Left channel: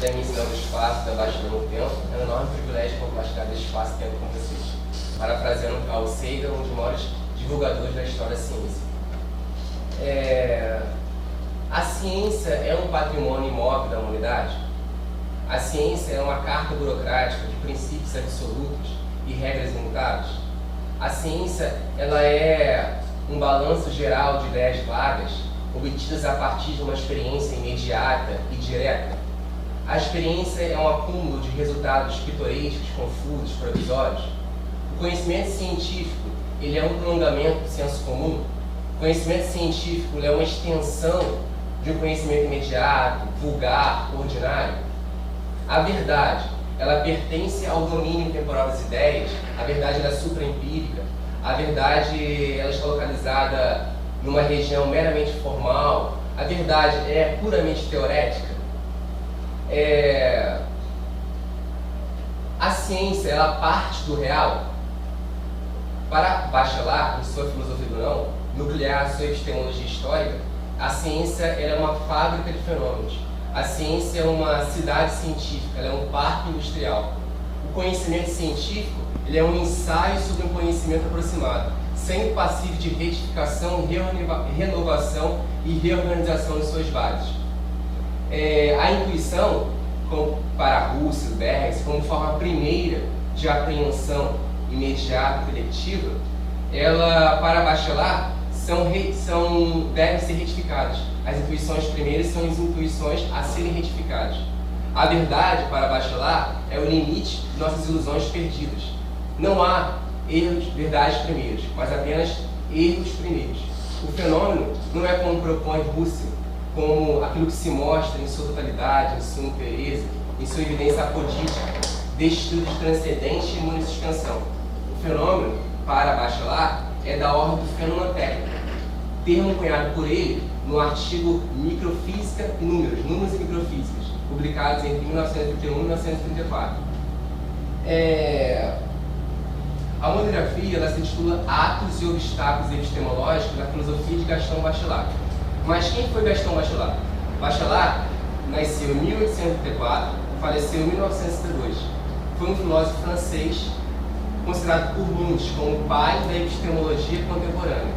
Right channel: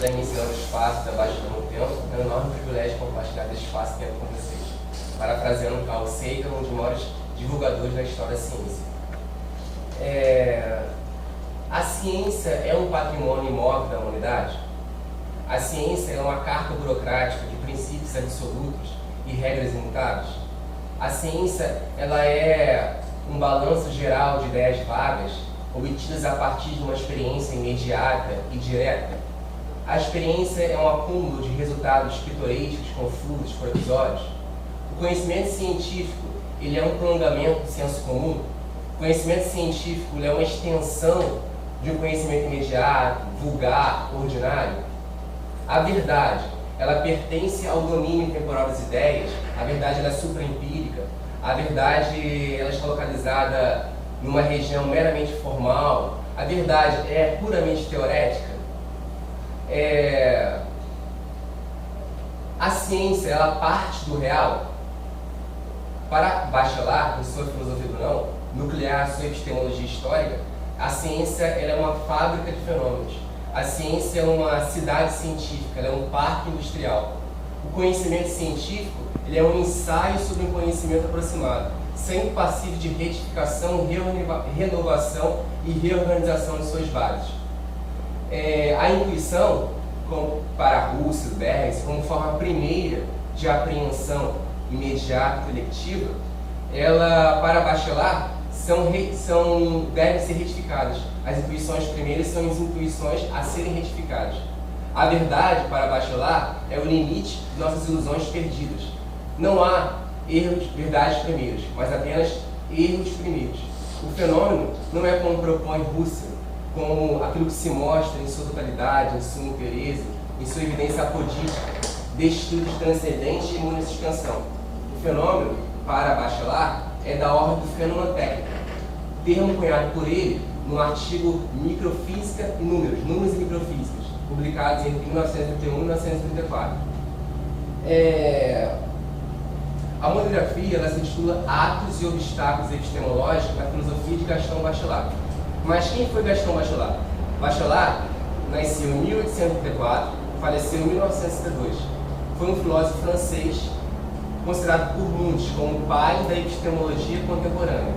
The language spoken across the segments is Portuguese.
da emissão do espaço da Baixa do Tempo. É um enorme privilégio compartilhar desse espaço e tempo com vocês. Parafraseando Carl Sagan, um dos maiores divulgadores da história da ciência. A ciência é um patrimônio imóvel da humanidade? A ciência é uma carta burocrática de princípios absolutos e regras imutáveis? A ciência ela é um balanço geral de ideias vagas, obtidas a partir de uma experiência imediata e direta? A experiência é um acúmulo de resultados pitorescos, confusos, provisórios? O conhecimento científico ele é um prolongamento do senso comum? O conhecimento científico ele é uma extensão de um conhecimento imediato, vulgar, ordinário? A verdade, ela pertence ao domínio temporal das ideias? A verdade ela é supraempírica? A verdade ela está localizada numa região meramente formal? A verdade é puramente teorética? A ciência ela parte do real? Para Bachelard, em sua filosofia do não, nuclear sua epistemologia histórica, a ciência ela é uma fábrica de fenômenos. A ciência é uma cidade científica, ela é um parque industrial. O conhecimento científico ele é um ensaio sobre um conhecimento aproximado, sempre passivo de retificação, renovação e reorganização de suas bases. A intuição, para Russell, Bergs, como forma primeira de apreensão imediata e coletiva, ela, para Bachelard, devem ser retificadas. As intuições primeiras são as intuições a serem retificadas. A verdade, para Bachelard, é o limite de nossas ilusões perdidas. Não há verdades primeiras, mas apenas erros primeiros. O fenômeno não é como propõe Russell, como aquilo que se mostra em sua totalidade, em sua inteireza, em sua evidência apodítica, destituído de transcendente e monosuspensão. O fenômeno, para Bachelard, é da ordem do fenomenotécnico, termo cunhado por ele no artigo Microfísica e Números e Microfísicas, publicados entre 1931 e 1934. A monografia ela se intitula Atos e Obstáculos Epistemológicos na Filosofia de Gaston Bachelard. Mas quem foi Gaston Bachelard? Bachelard nasceu em 1834, faleceu em 1962. Foi um filósofo francês considerado por muitos como o pai da epistemologia contemporânea.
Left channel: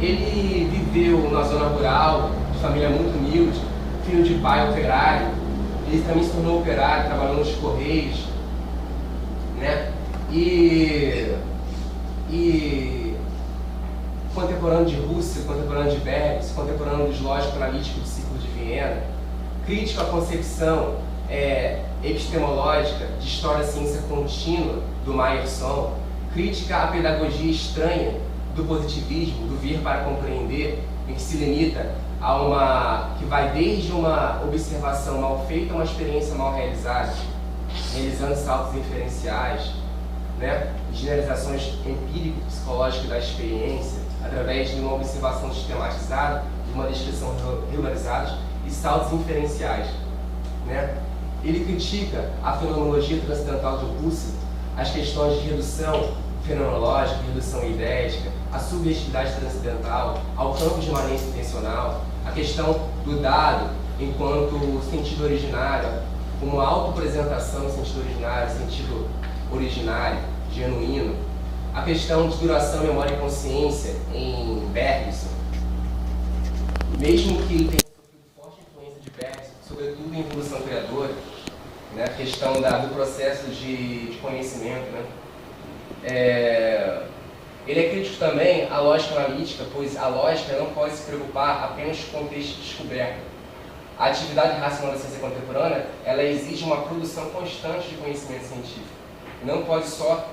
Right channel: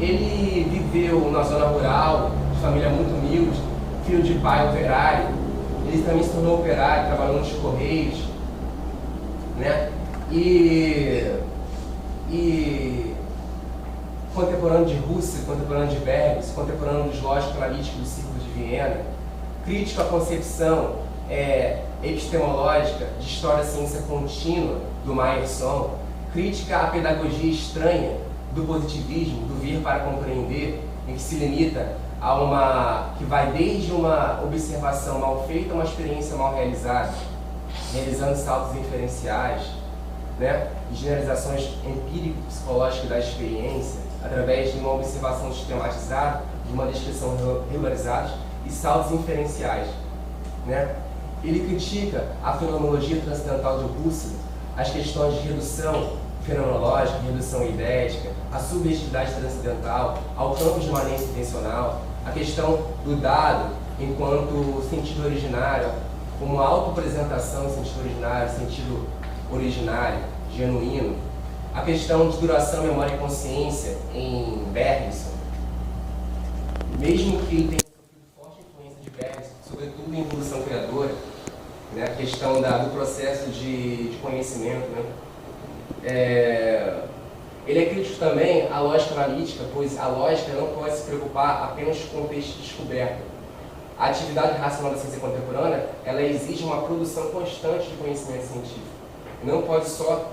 Ele viveu na zona rural, de família muito humilde, filho de pai operário. Ele também se tornou operário, trabalhou nos Correios, né? E contemporâneo de Russell, contemporâneo de Bergs, contemporâneo dos lógicos analíticos do ciclo de Viena, crítico à concepção epistemológica de história da ciência contínua do Meyerson, crítica à pedagogia estranha do positivismo, do vir para compreender, em que se limita a que vai desde uma observação mal feita a uma experiência mal realizada, realizando saltos inferenciais, né? Generalizações empírico-psicológicas da experiência, através de uma observação sistematizada, de uma descrição regularizada e saltos inferenciais, né? Ele critica a fenomenologia transcendental de Russell, as questões de redução fenomenológica, redução idéica, a subjetividade transcendental, ao campo de imanência intencional, a questão do dado enquanto sentido originário, como autoapresentação em sentido originário, sentido originário, genuíno, a questão de duração, memória e consciência em Bergson, mesmo que ele tenha sofrido forte influência de Bergson, sobretudo em evolução criadora, né, a questão do processo de conhecimento, né? Ele é crítico também à lógica analítica, pois a lógica não pode se preocupar apenas com o texto de descoberta. A atividade racional da ciência contemporânea, ela exige uma produção constante de conhecimento científico. Não pode só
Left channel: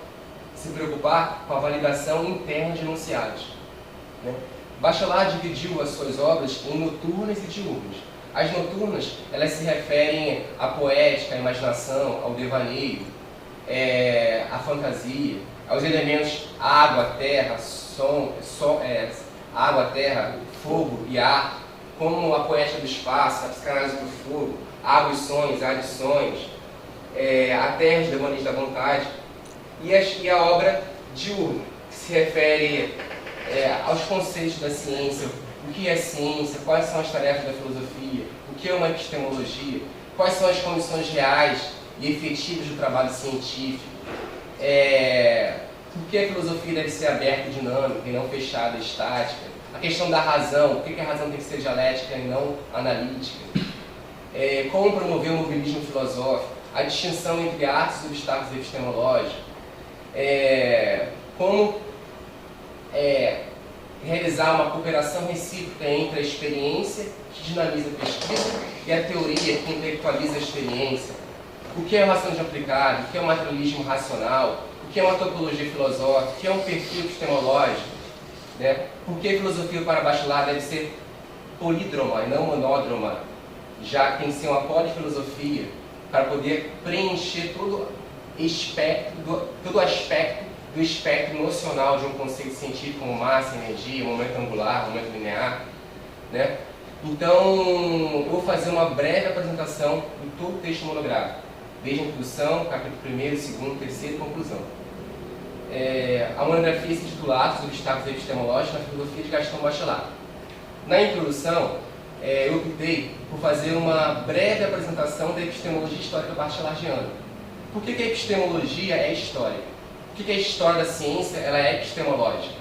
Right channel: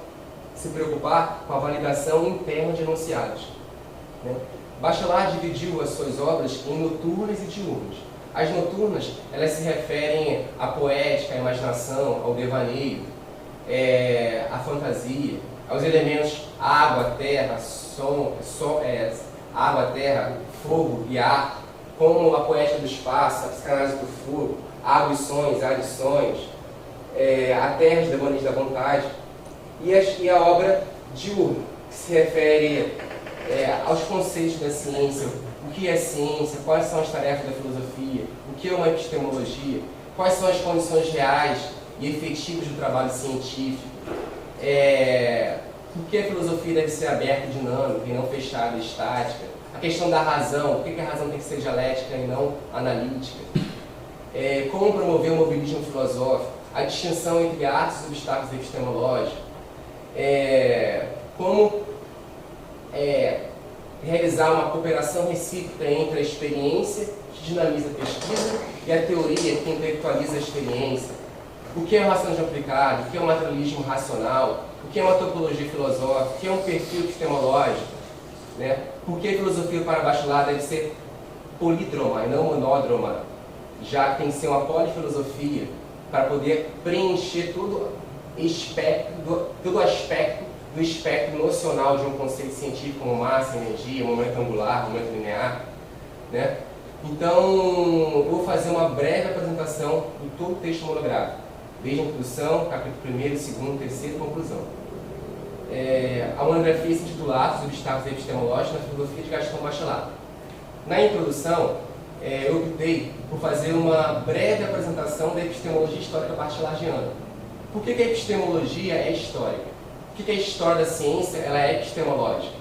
se preocupar com a validação interna de enunciados, né? Bachelard dividiu as suas obras em noturnas e diurnas. As noturnas, elas se referem à poética, à imaginação, ao devaneio, à fantasia, aos elementos água, terra, água, terra, fogo e ar, como a poética do espaço, a psicanálise do fogo, água e sonhos, ar e sonhos, a terra, os devaneios da vontade, e a obra diurna, que se refere aos conceitos da ciência, o que é ciência, quais são as tarefas da filosofia, o que é uma epistemologia, quais são as condições reais e efetivas do trabalho científico, por que a filosofia deve ser aberta e dinâmica e não fechada e estática, a questão da razão, por que a razão tem que ser dialética e não analítica, como promover o mobilismo filosófico, a distinção entre atos, obstáculos e epistemológicos, como realizar uma cooperação recíproca entre a experiência, que dinamiza a pesquisa, e a teoria, que intelectualiza a experiência. O que é relação aplicada, o que é um materialismo racional, o que é uma topologia filosófica, o que é um perfil epistemológico, né? Por que a filosofia para bacharel deve ser polídroma e não monódroma, já que tem que ser uma polifilosofia para poder preencher todo o aspecto do espectro nocional de um conceito científico como massa, energia, momento angular, momento linear, né? Então, eu vou fazer uma breve apresentação de todo o texto monográfico, desde a introdução, capítulo 1º, 2º, 3º e conclusão. A monografia se intitula Atos, Obstáculos e Epistemológicos na Filosofia de Gastão Bachelard. Na introdução, eu optei por fazer uma breve apresentação da epistemologia histórica bachelardiana. Por que a epistemologia é histórica? Por que a história da ciência ela é epistemológica?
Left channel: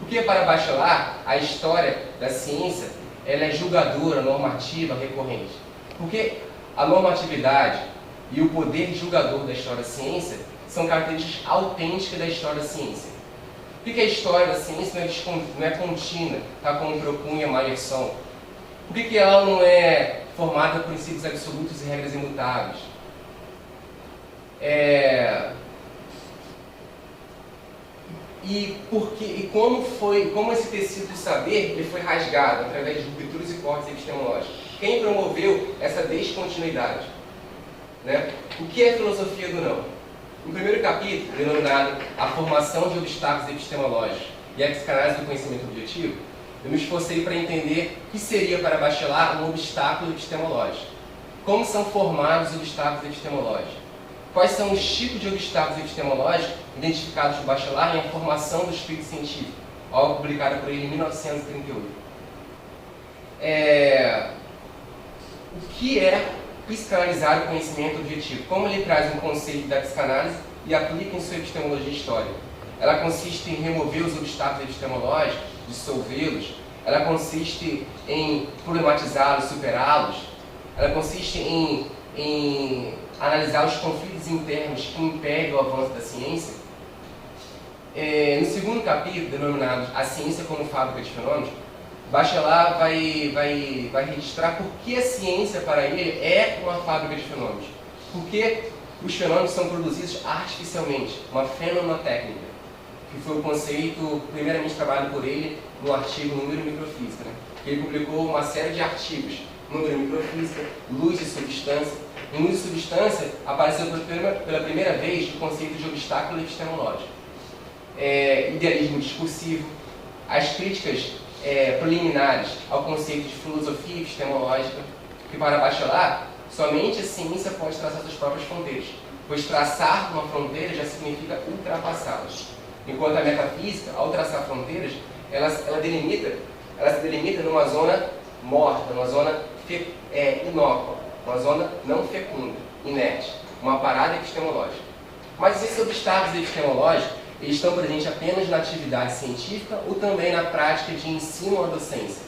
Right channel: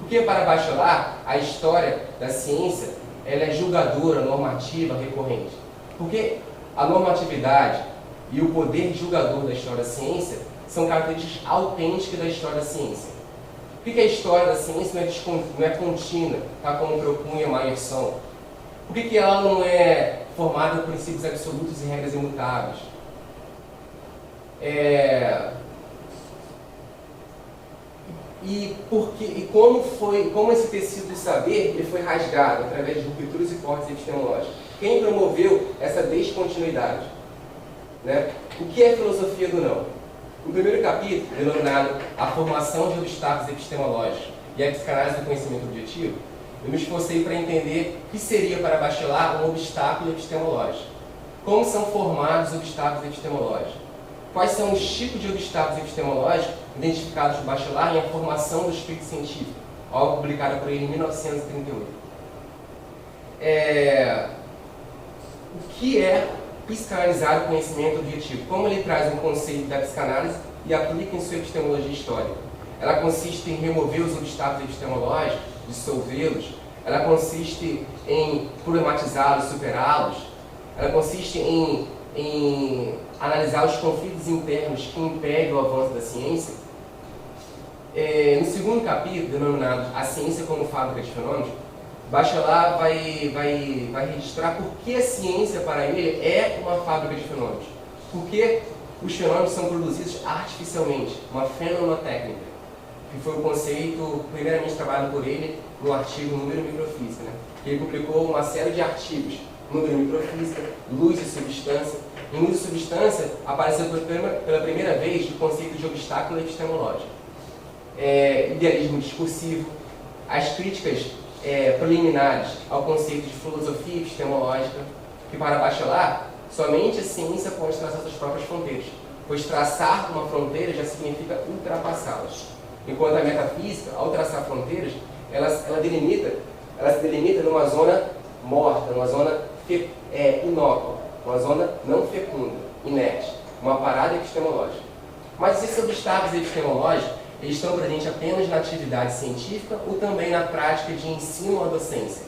Porque para Bachelard, a história da ciência ela é julgadora, normativa, recorrente. Porque a normatividade e o poder julgador da história da ciência são características autênticas da história da ciência. Por que a história da ciência não é contínua, tá, como propunha Meyerson? Por que ela não é formada por princípios absolutos e regras imutáveis? Como esse tecido de saber ele foi rasgado através de rupturas e cortes epistemológicos? Quem promoveu essa descontinuidade? Né? O que é filosofia do não? No primeiro capítulo, denominado A Formação de Obstáculos Epistemológicos e a Psicanálise do Conhecimento Objetivo, eu me esforcei para entender o que seria para Bachelard um obstáculo epistemológico. Como são formados os obstáculos epistemológicos? Quais são os tipos de obstáculos epistemológicos identificados por Bachelard em A Formação do Espírito Científico, obra publicada por ele em 1938. O que é psicanalizar o conhecimento objetivo? Como ele traz um conceito da psicanálise e aplica em sua epistemologia histórica? Ela consiste em remover os obstáculos epistemológicos, dissolvê-los. Ela consiste em problematizá-los, superá-los. Ela consiste em analisar os conflitos internos que impedem o avanço da ciência. No segundo capítulo, denominado A Ciência como Fábrica de Fenômenos, Bachelard vai registrar por que a ciência para ele é uma fábrica de fenômenos. Por que os fenômenos são produzidos artificialmente, uma fenomenotécnica, que foi o conceito primeiramente trabalhado por ele no artigo Número e Microfísica. Né? Ele publicou uma série de artigos, Número e Microfísica, Luz e Substância. Em Luz e Substância apareceu pela primeira vez o conceito de obstáculo epistemológico. Idealismo discursivo, as críticas preliminares ao conceito de filosofia epistemológica, que para Bachelard, somente a ciência pode traçar suas próprias fronteiras, pois traçar uma fronteira já significa ultrapassá-las. Enquanto a metafísica, ao traçar fronteiras, ela se delimita numa zona morta, numa zona inócua, uma zona não fecunda, inerte, uma parada epistemológica. Mas esses obstáculos epistemológicos, eles estão presentes apenas na atividade científica ou também na prática de ensino à docência?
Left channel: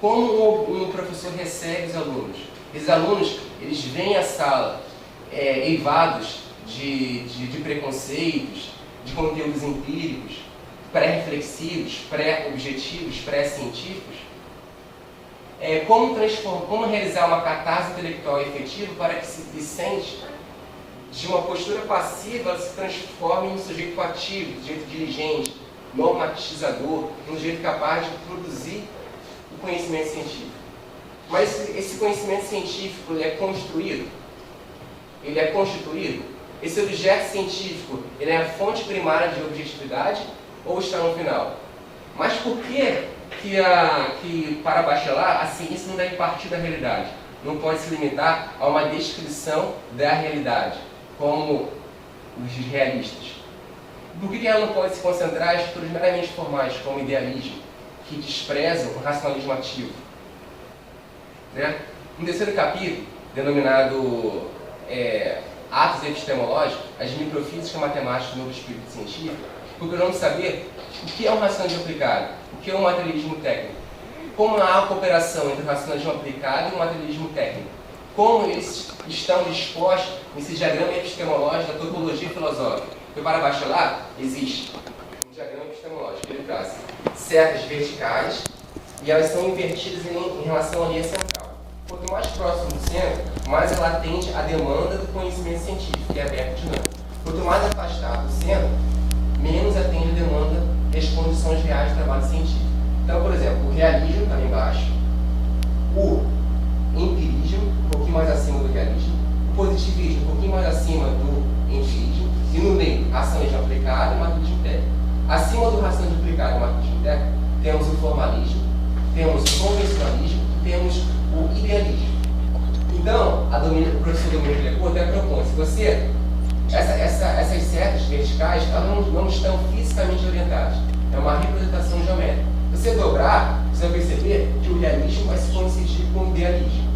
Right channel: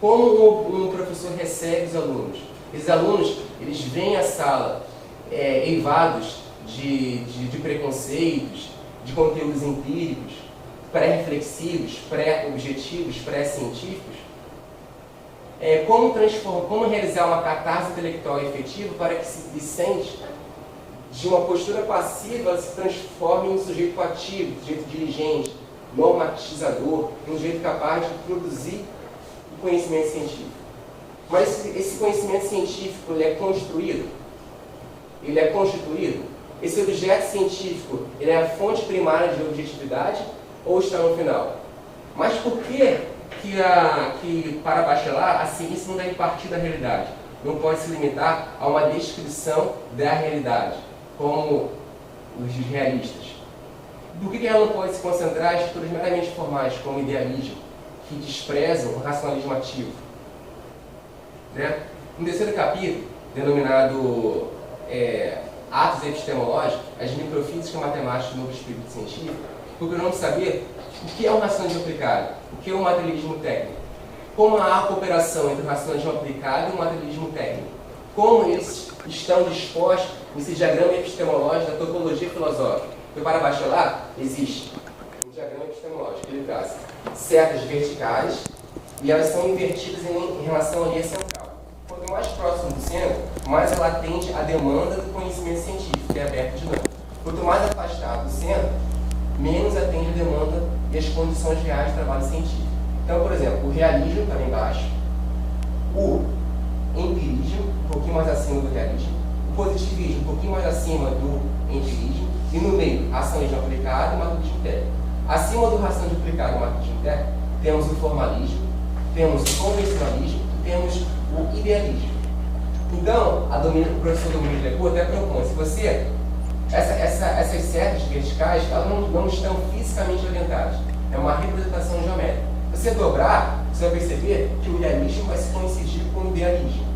Como um professor recebe os alunos? Esses alunos, eles vêm à sala eivados de preconceitos, de conteúdos empíricos, pré-reflexivos, pré-objetivos, pré-científicos. Como realizar uma catarse intelectual efetiva para que esse discente, de uma postura passiva, se transforme em sujeito ativo, sujeito diligente, normatizador, um sujeito capaz de produzir o conhecimento científico. Mas esse conhecimento científico ele é construído? Ele é constituído? Esse objeto científico ele é a fonte primária de objetividade ou está no final? Mas por que para Bachelard a ciência não deve partir da realidade? Não pode se limitar a uma descrição da realidade, como os realistas. Por que ela não pode se concentrar em estruturas meramente formais, como o idealismo, que desprezam o racionalismo ativo? Né? No terceiro capítulo, denominado atos epistemológicos, as microfísica matemática do novo espírito científico, procurando saber o que é um racionalismo aplicado, o que é um materialismo técnico, como há a cooperação entre o racionalismo aplicado e o materialismo técnico, como eles estão dispostos nesse diagrama epistemológico da topologia filosófica. Porque para bacharelado existe um diagrama epistemológico que ele traz setas verticais e elas são invertidas em relação à linha central. Quanto mais próximo do centro, mais ela atende à demanda do conhecimento científico, que é aberto e dinâmico. Quanto mais afastado do centro, menos atende a demanda das condições reais de trabalho científico. Então, por exemplo, o realismo está lá embaixo, o empirismo, um pouquinho mais acima do realismo, o positivismo, um pouquinho mais acima do empirismo, e no meio, racionalismo aplicado e materialismo técnico. Acima do racionalismo aplicado e materialismo técnico, temos o formalismo, temos o convencionalismo e temos o idealismo. Então, o professor Domingos Lecourt até propõe, se você, essas setas verticais, elas não estão fisicamente orientadas, é uma representação geométrica. Se você dobrar, você vai perceber que o realismo vai se coincidir com o idealismo,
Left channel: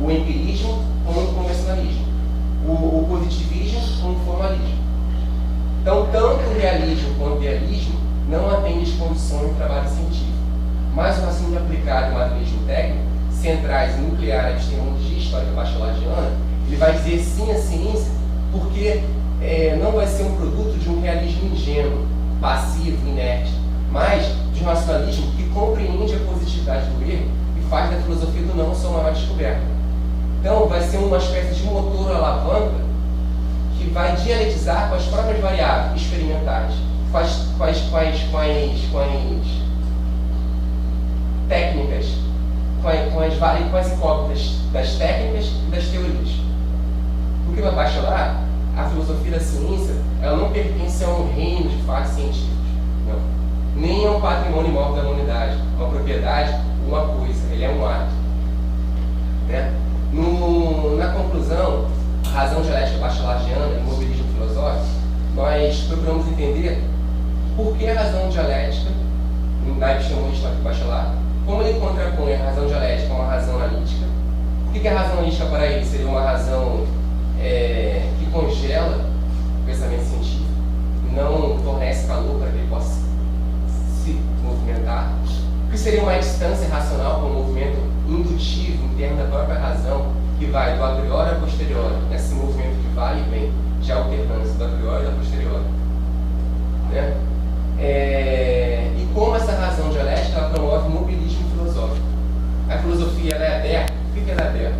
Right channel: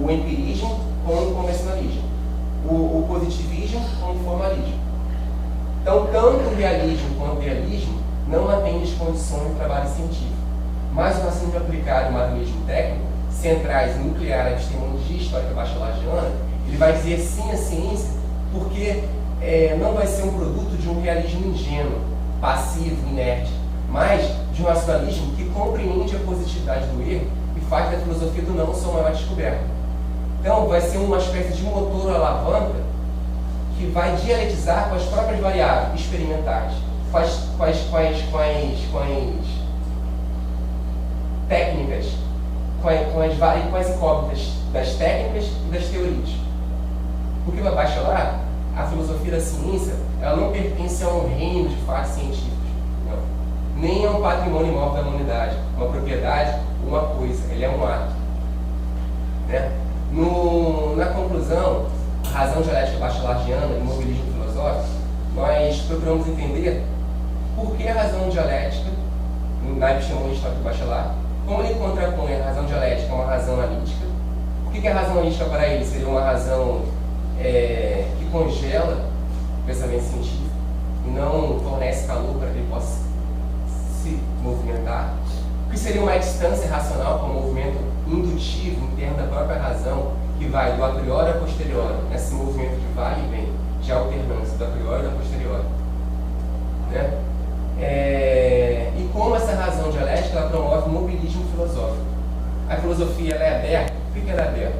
o empirismo com o convencionalismo, o positivismo com o formalismo. Então, tanto o realismo quanto o idealismo não atendem as condições do trabalho científico. Mas o raciocínio aplicado e o materialismo técnico, centrais em nuclear, epistemologia histórica bachelariana, ele vai dizer sim à ciência, porque não vai ser um produto de um realismo ingênuo, passivo, inerte, mas de um racionalismo que compreende a positividade do erro e faz da filosofia do não sua maior descoberta. Então, vai ser uma espécie de motor ou alavanca que vai dialetizar com as próprias variáveis experimentais, com as técnicas, com as incógnitas das técnicas e das teorias. Porque para bachelar, a filosofia da ciência, ela não pertence a um reino de fatos científicos, não. Nem a um patrimônio imóvel da humanidade, uma propriedade, uma coisa, ele é um ato. Né? Na conclusão, a razão dialética bachelariana e o mobilismo filosófico, nós procuramos entender por que a razão dialética, na epistemologia histórica do bachelar, como ele contrapõe a razão dialética a uma razão analítica. Por que a razão analítica para ele seria uma razão que congela o pensamento científico, não fornece calor para que ele possa se movimentar? O que seria uma distância racional com um movimento indutivo interno da própria razão, que vai do a priori ao posteriori, nesse movimento que vai e vem, de alternância do a priori e do posteriori. Né? E como essa razão dialética ela promove o mobilismo filosófico. A filosofia ela é aberta. Por que ela é aberta?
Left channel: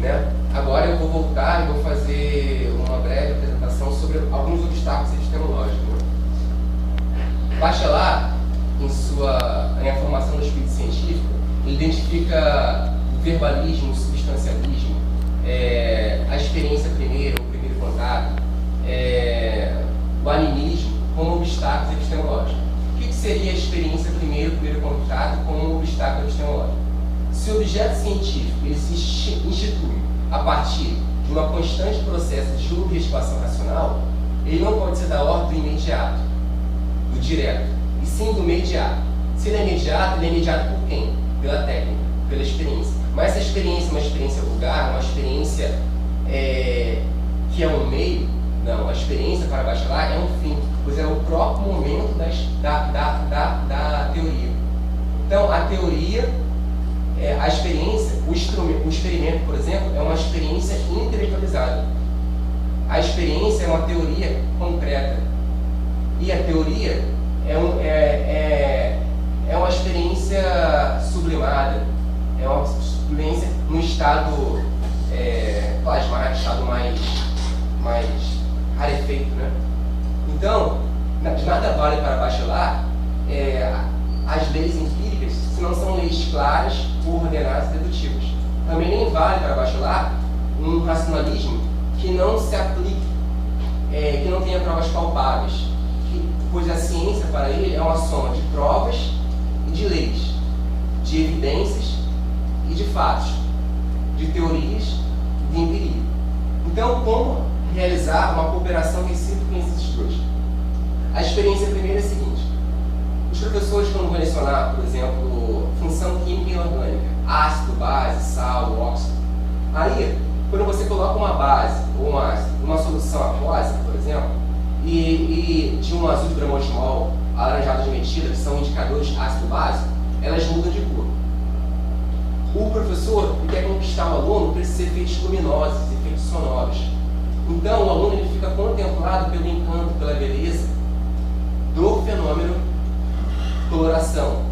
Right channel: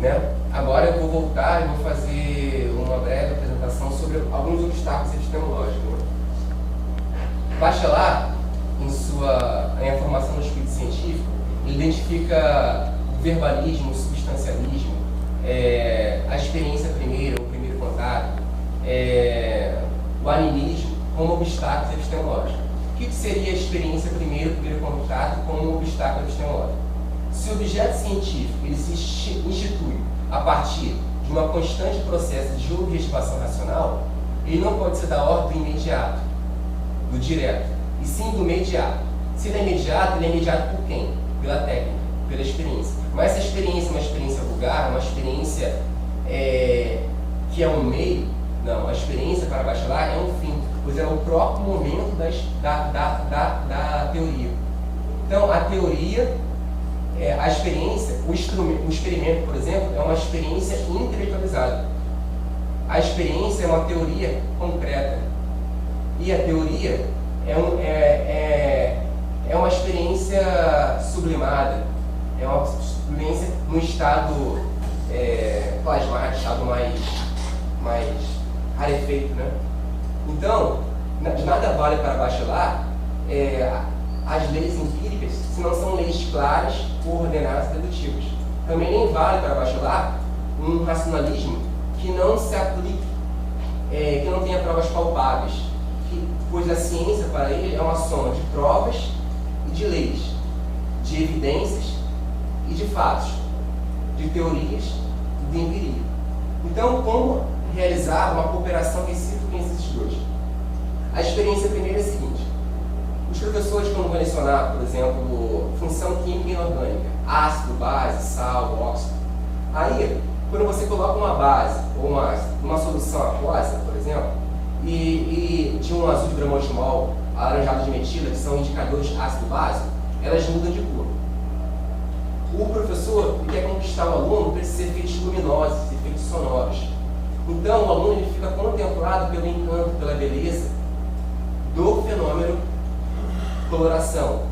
Né? Agora eu vou voltar e vou fazer uma breve apresentação sobre alguns obstáculos epistemológicos. Né? Bachelard, em A Formação do Espírito Científico, identifica o verbalismo, o substancialismo, a experiência primeira, o primeiro contato, o animismo como obstáculos epistemológicos. O que seria a experiência primeiro, o primeiro contato como obstáculo epistemológico? Se o objeto científico ele se institui a partir de um constante processo de objetivação racional, ele não pode ser da ordem do imediato, do direto, e sim do imediato. Se ele é imediato por quem? Pela técnica, pela experiência. Mas essa experiência é uma experiência vulgar, uma experiência que é um meio. Não, a experiência para Bachelard é um fim, pois é o próprio momento da teoria. Então, a teoria, a experiência, o experimento, por exemplo, é uma experiência intelectualizada. A experiência é uma teoria concreta. E a teoria é uma experiência sublimada, é uma experiência num estado plasmático, estado mais rarefeito, né? Então, de nada vale para Bachelard as leis empíricas se não são leis claras, coordenadas e dedutivas. Também nem vale para Bachelard um racionalismo que não se aplique, que não tenha provas palpáveis, pois a ciência para ele é uma soma de provas e de leis, de evidências e de fatos, de teorias e de empiria. Então, como realizar uma cooperação recíproca entre esses dois? A experiência primeira é a seguinte: os professores, quando vão lecionar, por exemplo, função química e inorgânica, ácido, base, sal, óxido. Aí, quando você coloca uma base ou um ácido numa solução aquosa, por exemplo, e de um azul de bromotimol alaranjado de metila, que são indicadores ácido-base, elas mudam de cor. O professor quer conquistar o aluno por esses efeitos luminosos, efeitos sonoros. Então, o aluno ele fica contemplado pelo encanto, pela beleza do fenômeno coloração.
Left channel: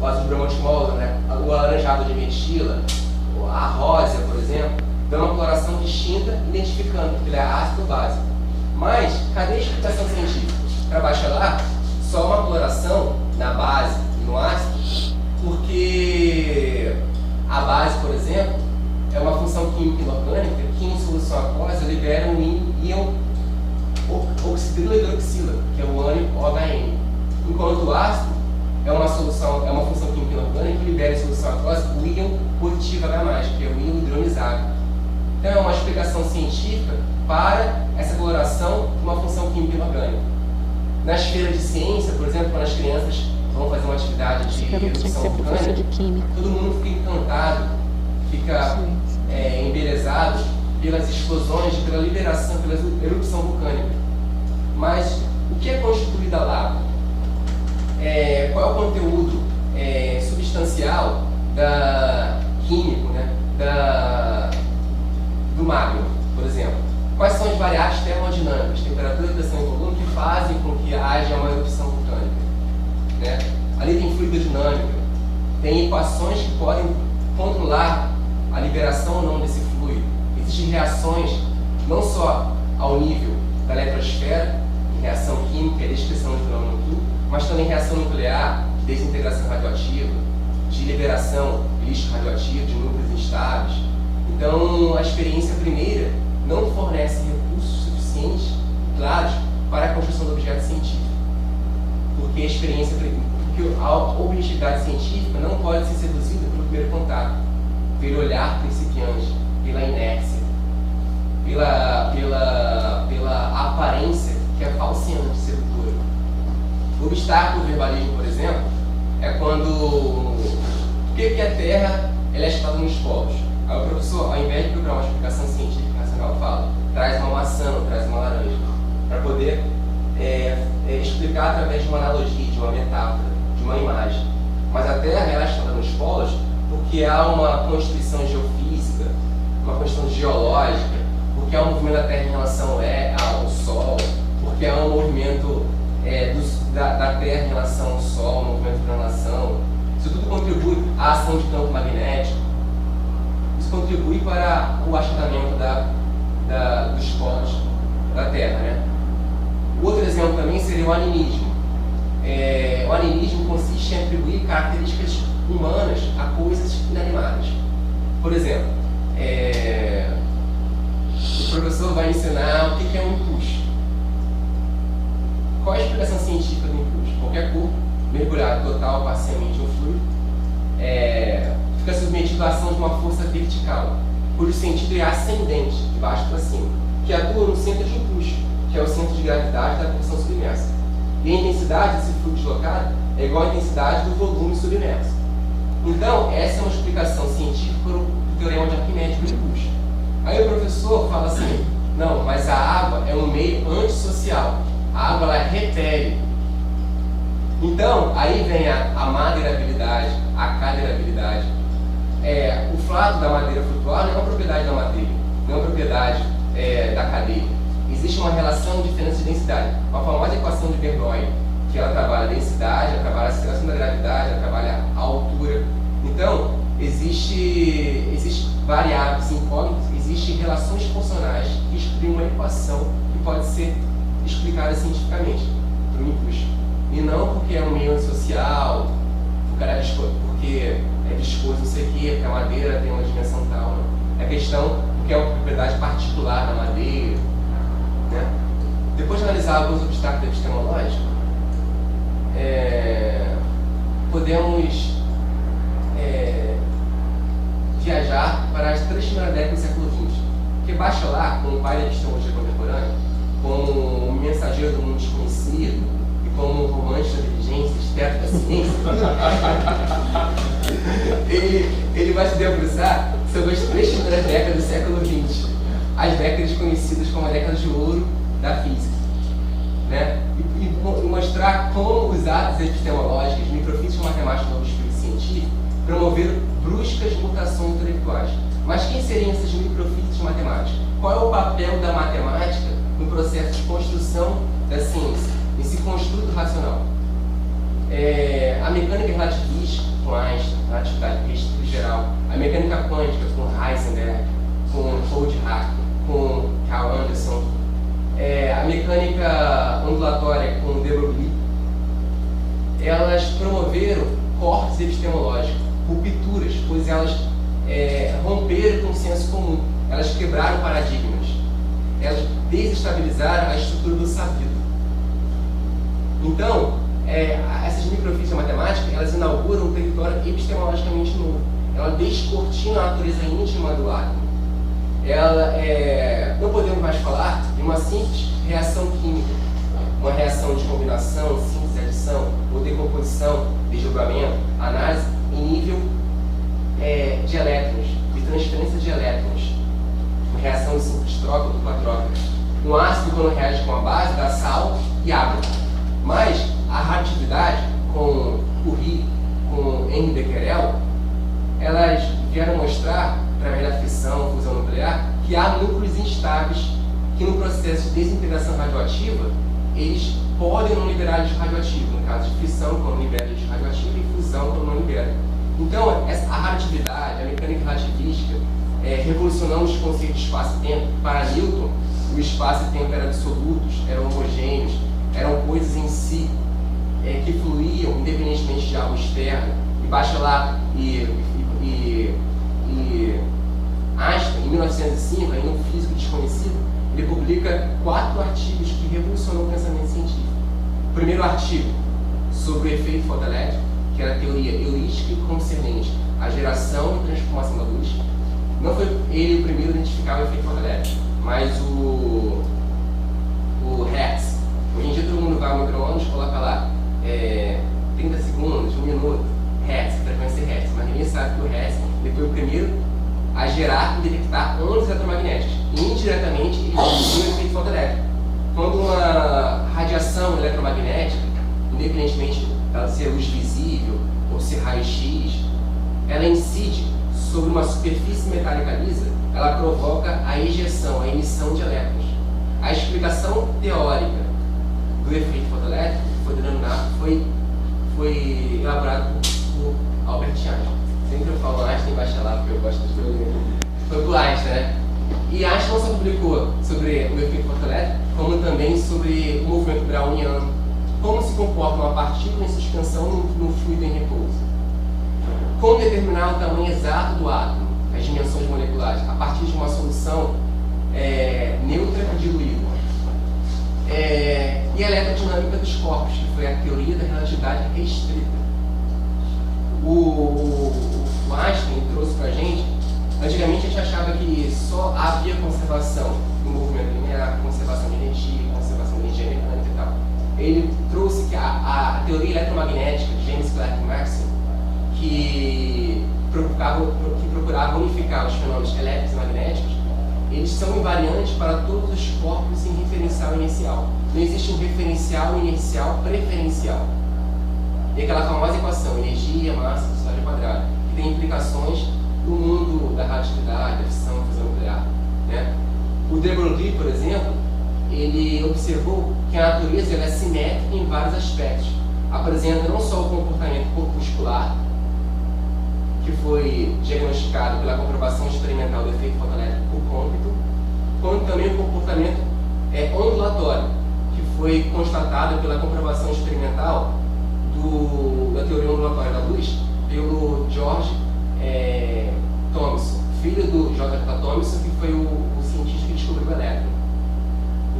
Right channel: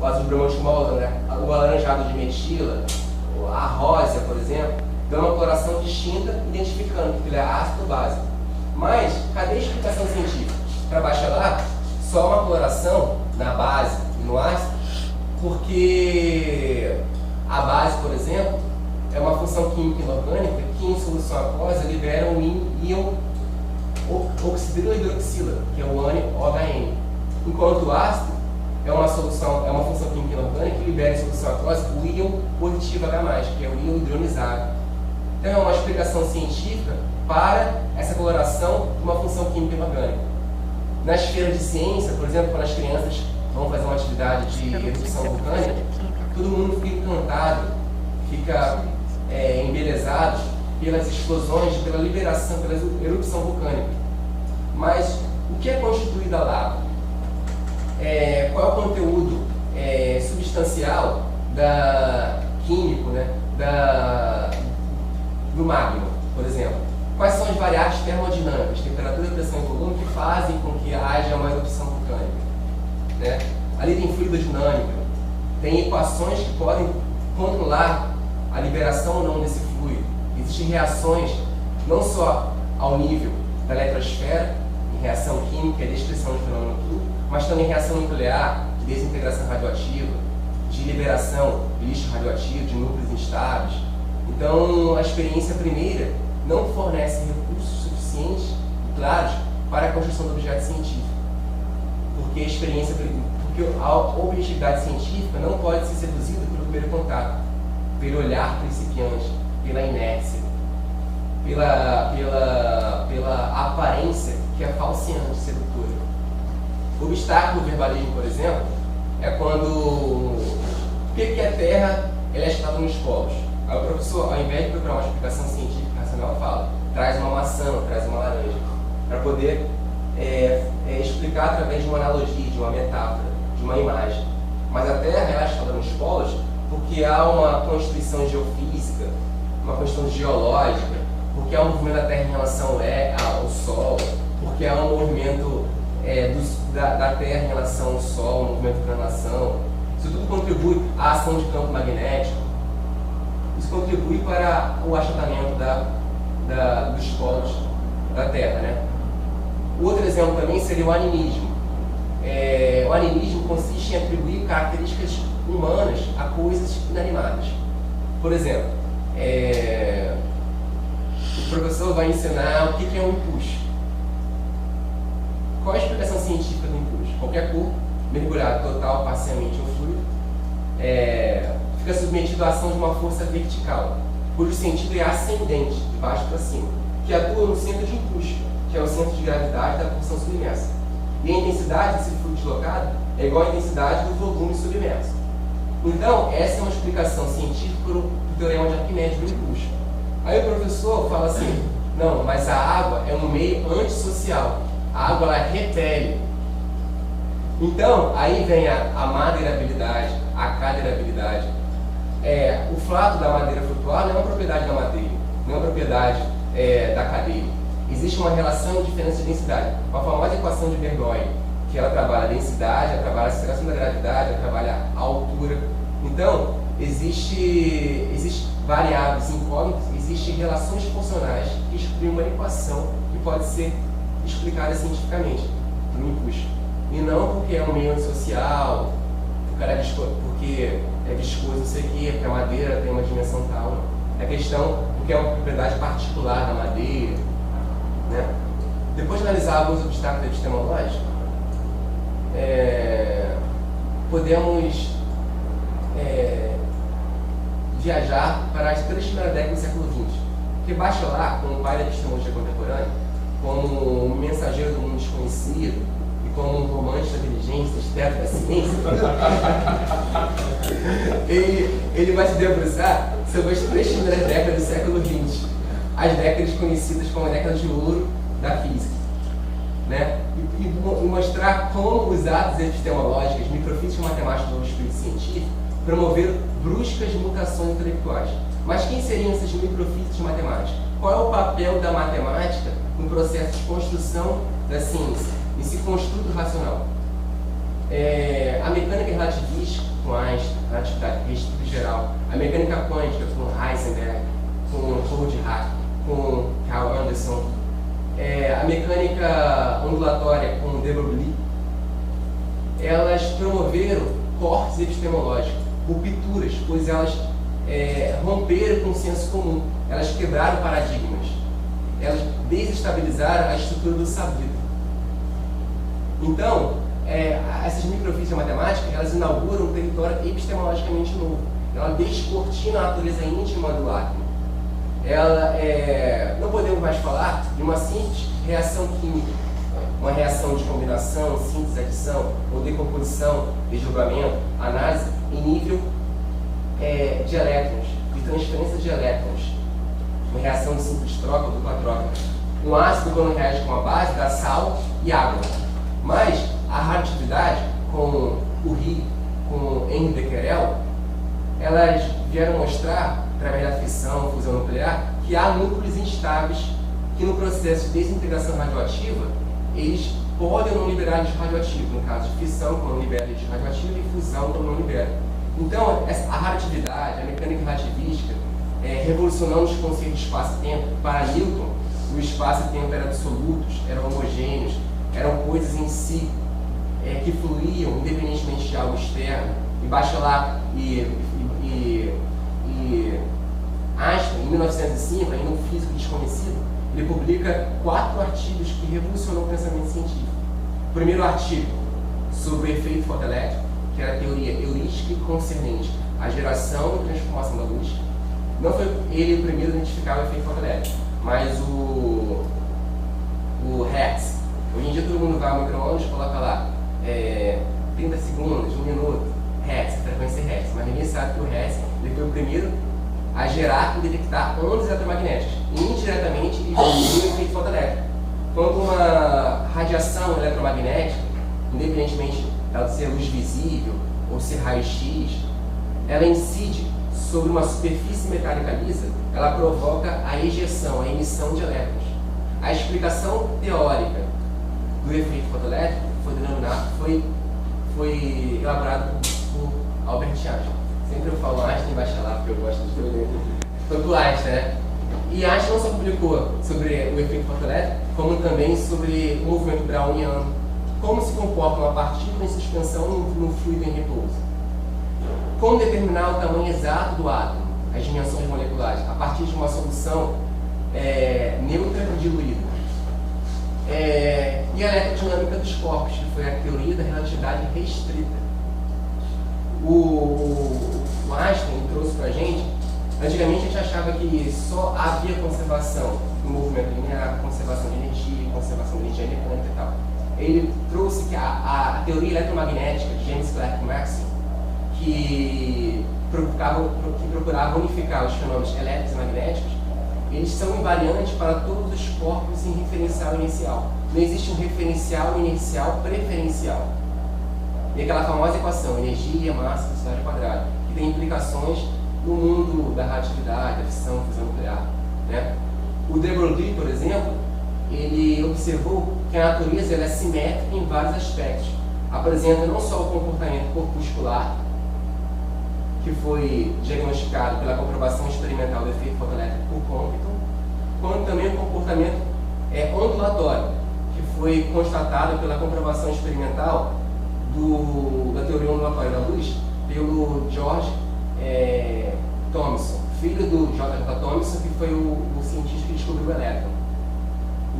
O azul de bromotimol, né? O alaranjado de metila, a rosa, por exemplo, dão uma coloração distinta, identificando que ele é ácido ou base. Mas, cadê a explicação científica? Para bachelar, só uma coloração na base e no ácido, porque a base, por exemplo, é uma função química inorgânica que em solução aquosa libera um íon oxidrila hidroxila, que é o ânion OHN. Enquanto o ácido é uma função química inorgânica que libera em solução aquosa o íon positivo H+, que é o íon hidronizável. Então é uma explicação científica para essa coloração de uma função química inorgânica. Nas feiras de ciência, por exemplo, quando as crianças vão fazer uma atividade de erupção vulcânica, todo mundo fica encantado, fica embelezado pelas explosões, pela liberação, pela erupção vulcânica. Mas o que é constituído a lava? Qual é o conteúdo substancial químico, né, do magma, por exemplo? Quais são as variáveis termodinâmicas, temperatura, pressão e volume, que fazem com que haja uma erupção vulcânica? Né? Ali tem fluidodinâmica, tem equações que podem controlar a liberação ou não desse fluido. Existem reações não só ao nível da eletrosfera, de reação química e descrição do fenômeno químico, mas também reação nuclear, de desintegração radioativa, de liberação de lixo radioativo, de núcleos instáveis. Então, a experiência primeira não fornece recursos suficientes e claros para a construção do objeto científico. Porque a objetividade científica não pode ser seduzida pelo primeiro contato, pelo olhar principiante, pela inércia, pela aparência que é falseante, sedutora. O obstáculo do verbalismo, por exemplo, é quando por que a Terra ela é agitada nos polos? Aí o professor, ao invés de procurar uma explicação científica racional, fala, traz uma maçã, traz uma laranja, para poder explicar através de uma analogia, de uma metáfora, de uma imagem. Mas a Terra é agitada nos polos porque há uma constituição geofísica, uma constituição geológica, porque há um movimento da Terra em relação ao Sol, porque há um movimento da Terra em relação ao Sol, um movimento de translação. Isso tudo contribui à ação de campo magnético. Isso contribui para o achatamento dos polos da Terra. Né? O outro exemplo também seria o animismo. O animismo consiste em atribuir características humanas a coisas inanimadas. Por exemplo, o professor vai ensinar o que é um empuxo. Qual a explicação científica do empuxo? Qualquer corpo mergulhado total, parcialmente ou fluido, fica submetido à ação de uma força vertical, cujo sentido é ascendente, de baixo para cima, que atua no centro de empuxo, que é o centro de gravidade da porção submersa. E a intensidade desse fluido deslocado é igual à intensidade do volume submerso. Então, essa é uma explicação científica do teorema de Arquimedes do empuxo. Aí o professor fala assim, não, mas a água é um meio antissocial. A água, ela repele. Então, aí vem a madeirabilidade, a cadeirabilidade. O fato da madeira flutuar não é uma propriedade da madeira, não é uma propriedade da cadeira. Existe uma relação de diferença de densidade. A famosa equação de Bernoulli, que ela trabalha a densidade, ela trabalha a aceleração da gravidade, ela trabalha a altura. Então, existem variáveis incógnitas, existem relações funcionais que exprimem uma equação que pode ser explicada cientificamente, por um empuxo. E não porque é um meio antissocial, porque é viscoso, não sei o quê, porque a madeira tem uma dimensão tal. Não. É questão porque é uma propriedade particular da madeira. Né? Depois de analisar alguns obstáculos epistemológicos, podemos viajar para as 3 primeiras décadas do século XX. Porque Bachelard, como pai da epistemologia contemporânea, como mensageiro do mundo desconhecido e como romântico da inteligência, esperto da ciência, ele vai se debruçar sobre as 3 primeiras décadas do século XX, as décadas conhecidas como a década de ouro da física, né? E mostrar como os atos epistemológicos, microfísica matemática do espírito científico, promoveram bruscas mutações intelectuais. Mas quem seriam esses microfísicos matemáticos? Qual é o papel da matemática no processo de construção da ciência, nesse construto racional? A mecânica relativista, com Einstein, relatividade restrita geral, a mecânica quântica, com Heisenberg, com Goldhack, com Carl Anderson, a mecânica ondulatória, com De Broglie, elas promoveram cortes epistemológicos, rupturas, pois elas romperam com o senso comum, elas quebraram paradigmas, elas desestabilizaram a estrutura do sabido. Então, essas microfísicas matemáticas, elas inauguram um território epistemologicamente novo. Ela descortina a natureza íntima do átomo. Não podemos mais falar de uma simples reação química, uma reação de combinação, síntese, adição, ou decomposição, desdobramento, análise, em nível de elétrons, de transferência de elétrons, uma reação de simples troca, dupla troca. Um ácido, quando reage com a base, dá sal e água. Mas a radioatividade, com Curie, com Henri Becquerel, elas vieram mostrar, através da fissão, fusão nuclear, que há núcleos instáveis que no processo de desintegração radioativa, eles podem não liberar lixo radioativo, no caso de fissão, quando libera lixo radioativo, e fusão, quando não libera. Então, a radioatividade, a mecânica relativista, revolucionando os conceitos de espaço e tempo. Para Newton, o espaço e tempo eram absolutos, eram homogêneos, eram coisas em si que fluíam independentemente de algo externo. E Bachelard e Einstein, em 1905, ainda um físico desconhecido, ele publica 4 artigos que revolucionou o pensamento científico. O primeiro artigo sobre o efeito fotoelétrico, que era a teoria heurística concernente à geração e transformação da luz. Não foi ele o primeiro a identificar o efeito fotoelétrico, mas o Hertz. Hoje em dia todo mundo vai ao micro-ondas e coloca lá 30 segundos, 1 minuto, Hertz, frequência Hertz. Mas ninguém sabe que o Hertz ele foi o primeiro a gerar e detectar ondas eletromagnéticas. Indiretamente, ele produziu o efeito fotoelétrico. Quando uma radiação eletromagnética, independentemente de ser luz visível ou ser raio-x, ela incide sobre uma superfície metálica lisa, ela provoca a ejeção, a emissão de elétrons. A explicação teórica do efeito fotoelétrico foi elaborada por Albert Einstein. Sempre eu falo Einstein baixa lá, porque eu gosto de escolher. Foi por Einstein, né? E Einstein não só publicou sobre o efeito fotoelétrico, como também sobre o movimento browniano, como se comporta uma partícula em suspensão no fluido em repouso, como determinar o tamanho exato do átomo, as dimensões moleculares, a partir de uma solução neutra e diluída. E a eletrodinâmica dos corpos, que foi a teoria da relatividade restrita. O Einstein trouxe para a gente, antigamente a gente achava que só havia conservação do movimento linear, conservação de energia, conservação de energia mecânica e tal. Ele trouxe que a teoria eletromagnética de James Clerk Maxwell, que procurava unificar os fenômenos elétricos e magnéticos, eles são invariantes para todos os corpos em referencial inicial. Não existe um referencial inicial preferencial. E aquela famosa equação, energia, massa, velocidade quadrada, que tem implicações no mundo da radioatividade, da fissão, fusão nuclear, né? O De Broglie, por exemplo, ele observou que a natureza ela é simétrica em vários aspectos. Apresenta não só o comportamento corpuscular, que foi diagnosticado pela comprovação experimental do efeito fotoelétrico por Compton, quanto também o comportamento ondulatório, que foi constatado pela comprovação experimental da teoria ondulatória da luz pelo George Thomson, filho do J.J. Thomson, que foi o cientista que descobriu o elétron.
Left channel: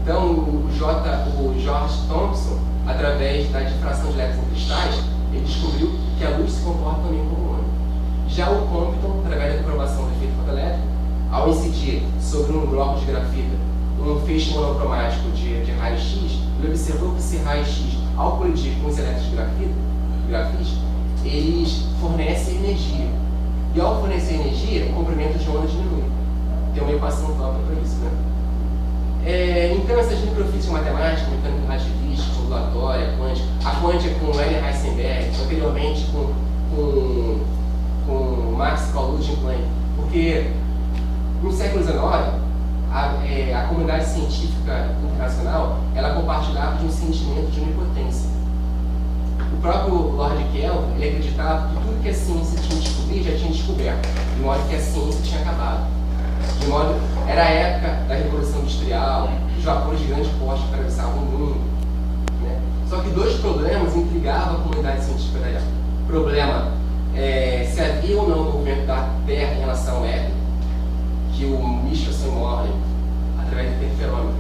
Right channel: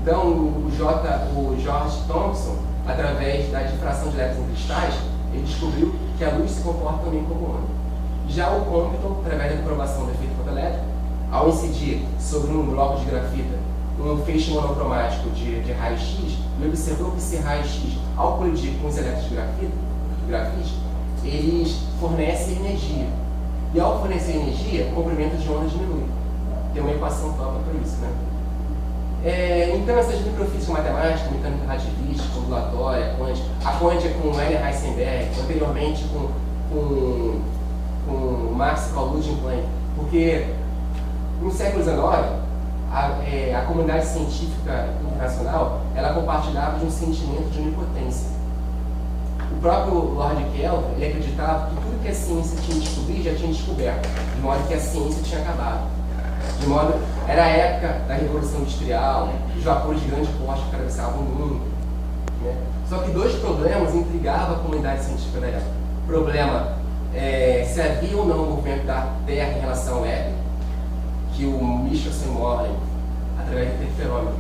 Então, o George Thomson, através da difração de elétrons em cristais, ele descobriu que a luz se comporta também como onda. Já o Compton, através da comprovação do efeito fotoelétrico, ao incidir sobre um bloco de grafita um feixe monocromático de raio-x, ele observou que esse raio-x, ao colidir com os elétrons de grafite, eles fornecem energia. E ao fornecer energia, o comprimento de onda diminui. Tem uma equação própria para isso, né? Então, essas microfísicas matemáticas, mecânica relativista, ondulatória, quântica, a quântica com Werner Heisenberg, anteriormente com Max Kaulugian Planck, porque no século XIX, a comunidade científica internacional ela compartilhava de um sentimento de onipotência. O próprio Lord Kelvin ele acreditava que tudo que a ciência tinha descobrido já tinha descoberto, de modo que a ciência tinha acabado. Era a época da Revolução Industrial, os vapores de grande porte que atravessavam o mundo. Né? Só que dois problemas intrigavam a comunidade científica da época. O problema se havia ou não o movimento da Terra em relação ao éter, que o Michelson Morley, através do interferômetro,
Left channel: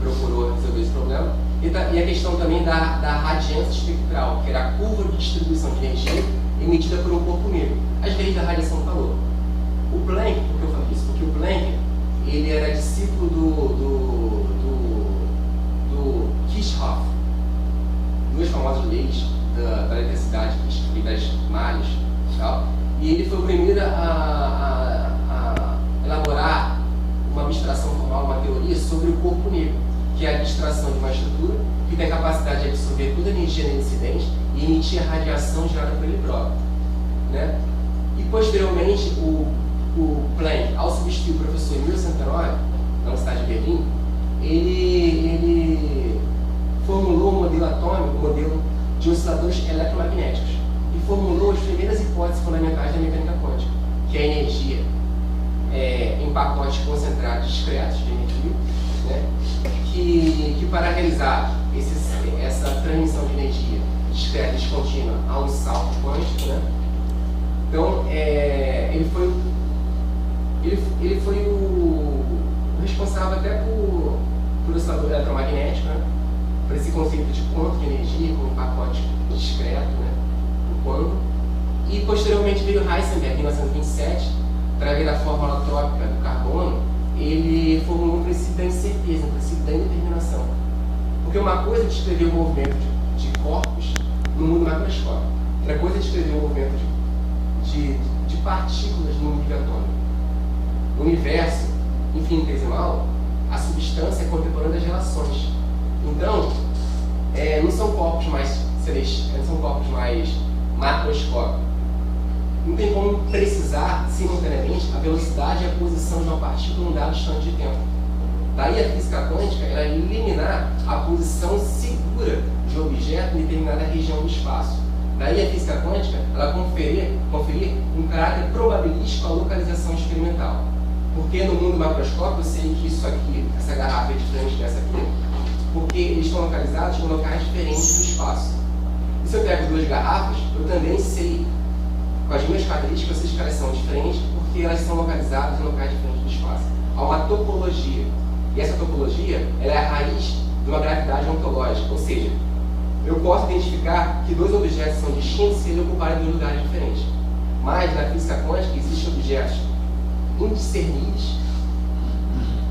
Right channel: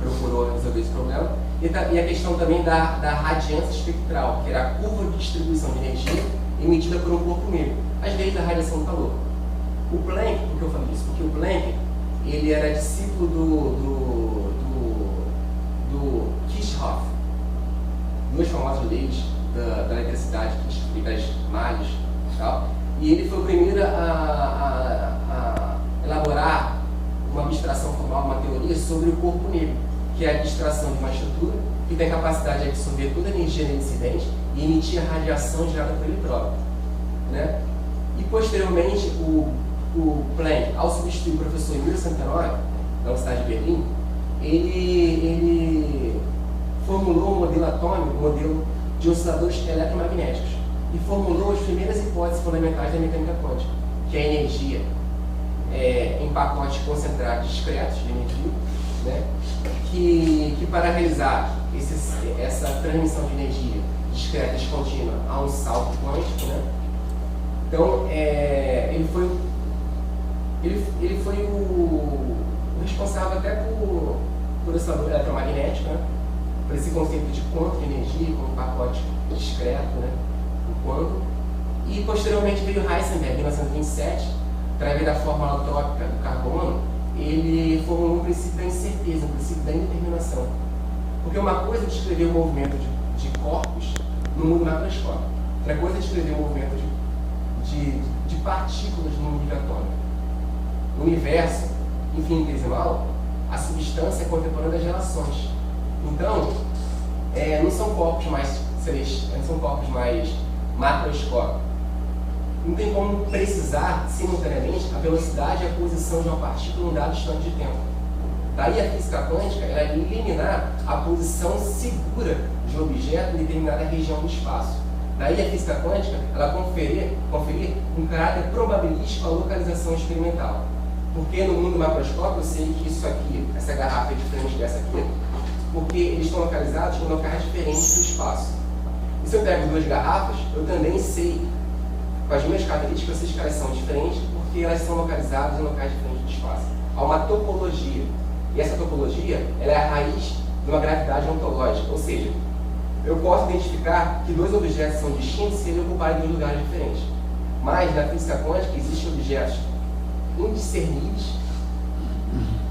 procurou resolver esse problema. E a questão também da radiância espectral, que era a curva de distribuição de energia emitida por um corpo negro, as leis da radiação do calor. O Planck, por que eu falo isso? Porque o Planck, ele era discípulo do Kirchhoff, duas famosas leis da eletricidade, e das malhas e tal. E ele foi o primeiro a elaborar uma abstração formal, uma teoria sobre o corpo negro, que é a abstração de uma estrutura que tem a capacidade de absorver toda a energia incidente e emitir a radiação gerada por ele próprio. Né? E posteriormente, o Planck, ao substituir o professor Emil Santenori, na Universidade de Berlim, ele formulou um modelo atômico, um modelo de osciladores eletromagnéticos, e formulou as primeiras hipóteses fundamentais da mecânica quântica, que é a energia em pacotes concentrados discretos de energia, né? que para realizar essa transmissão de energia discreta e descontínua há um salto quântico. Né? Então, ele foi o responsável até por oscilador eletromagnético, né? Por esse conceito de quanto de energia como um pacote discreto, né? O quanto. E posteriormente veio Heisenberg, em 1927, através da fórmula tópica do carbono, ele formulou um princípio da incerteza, um princípio da indeterminação. Porque uma coisa é descrever o movimento de corpos no mundo macroscópico, outra coisa é descrever o movimento de partículas no nível atômico. No universo infinitesimal, a substância é contemporânea das relações. Então, não são corpos mais celestiais, não são corpos mais macroscópicos. Não tem como precisar, simultaneamente, a velocidade e a posição de uma partícula em um dado instante de tempo. Daí a física quântica ela eliminar a posição segura de um objeto em determinada região do espaço. Daí a física quântica ela conferir um caráter probabilístico à localização experimental. Porque no mundo macroscópico eu sei que isso aqui, essa garrafa é diferente dessa aqui, porque eles estão localizados em locais diferentes do espaço. E se eu pego duas garrafas, eu também sei, com as minhas características, eu sei que elas são diferentes porque elas são localizadas em locais diferentes do espaço. Há uma topologia. E essa topologia ela é a raiz de uma gravidade ontológica. Ou seja, eu posso identificar que dois objetos são distintos se eu ocupar em dois lugares diferentes. Mas na física quântica existem objetos indiscerníveis,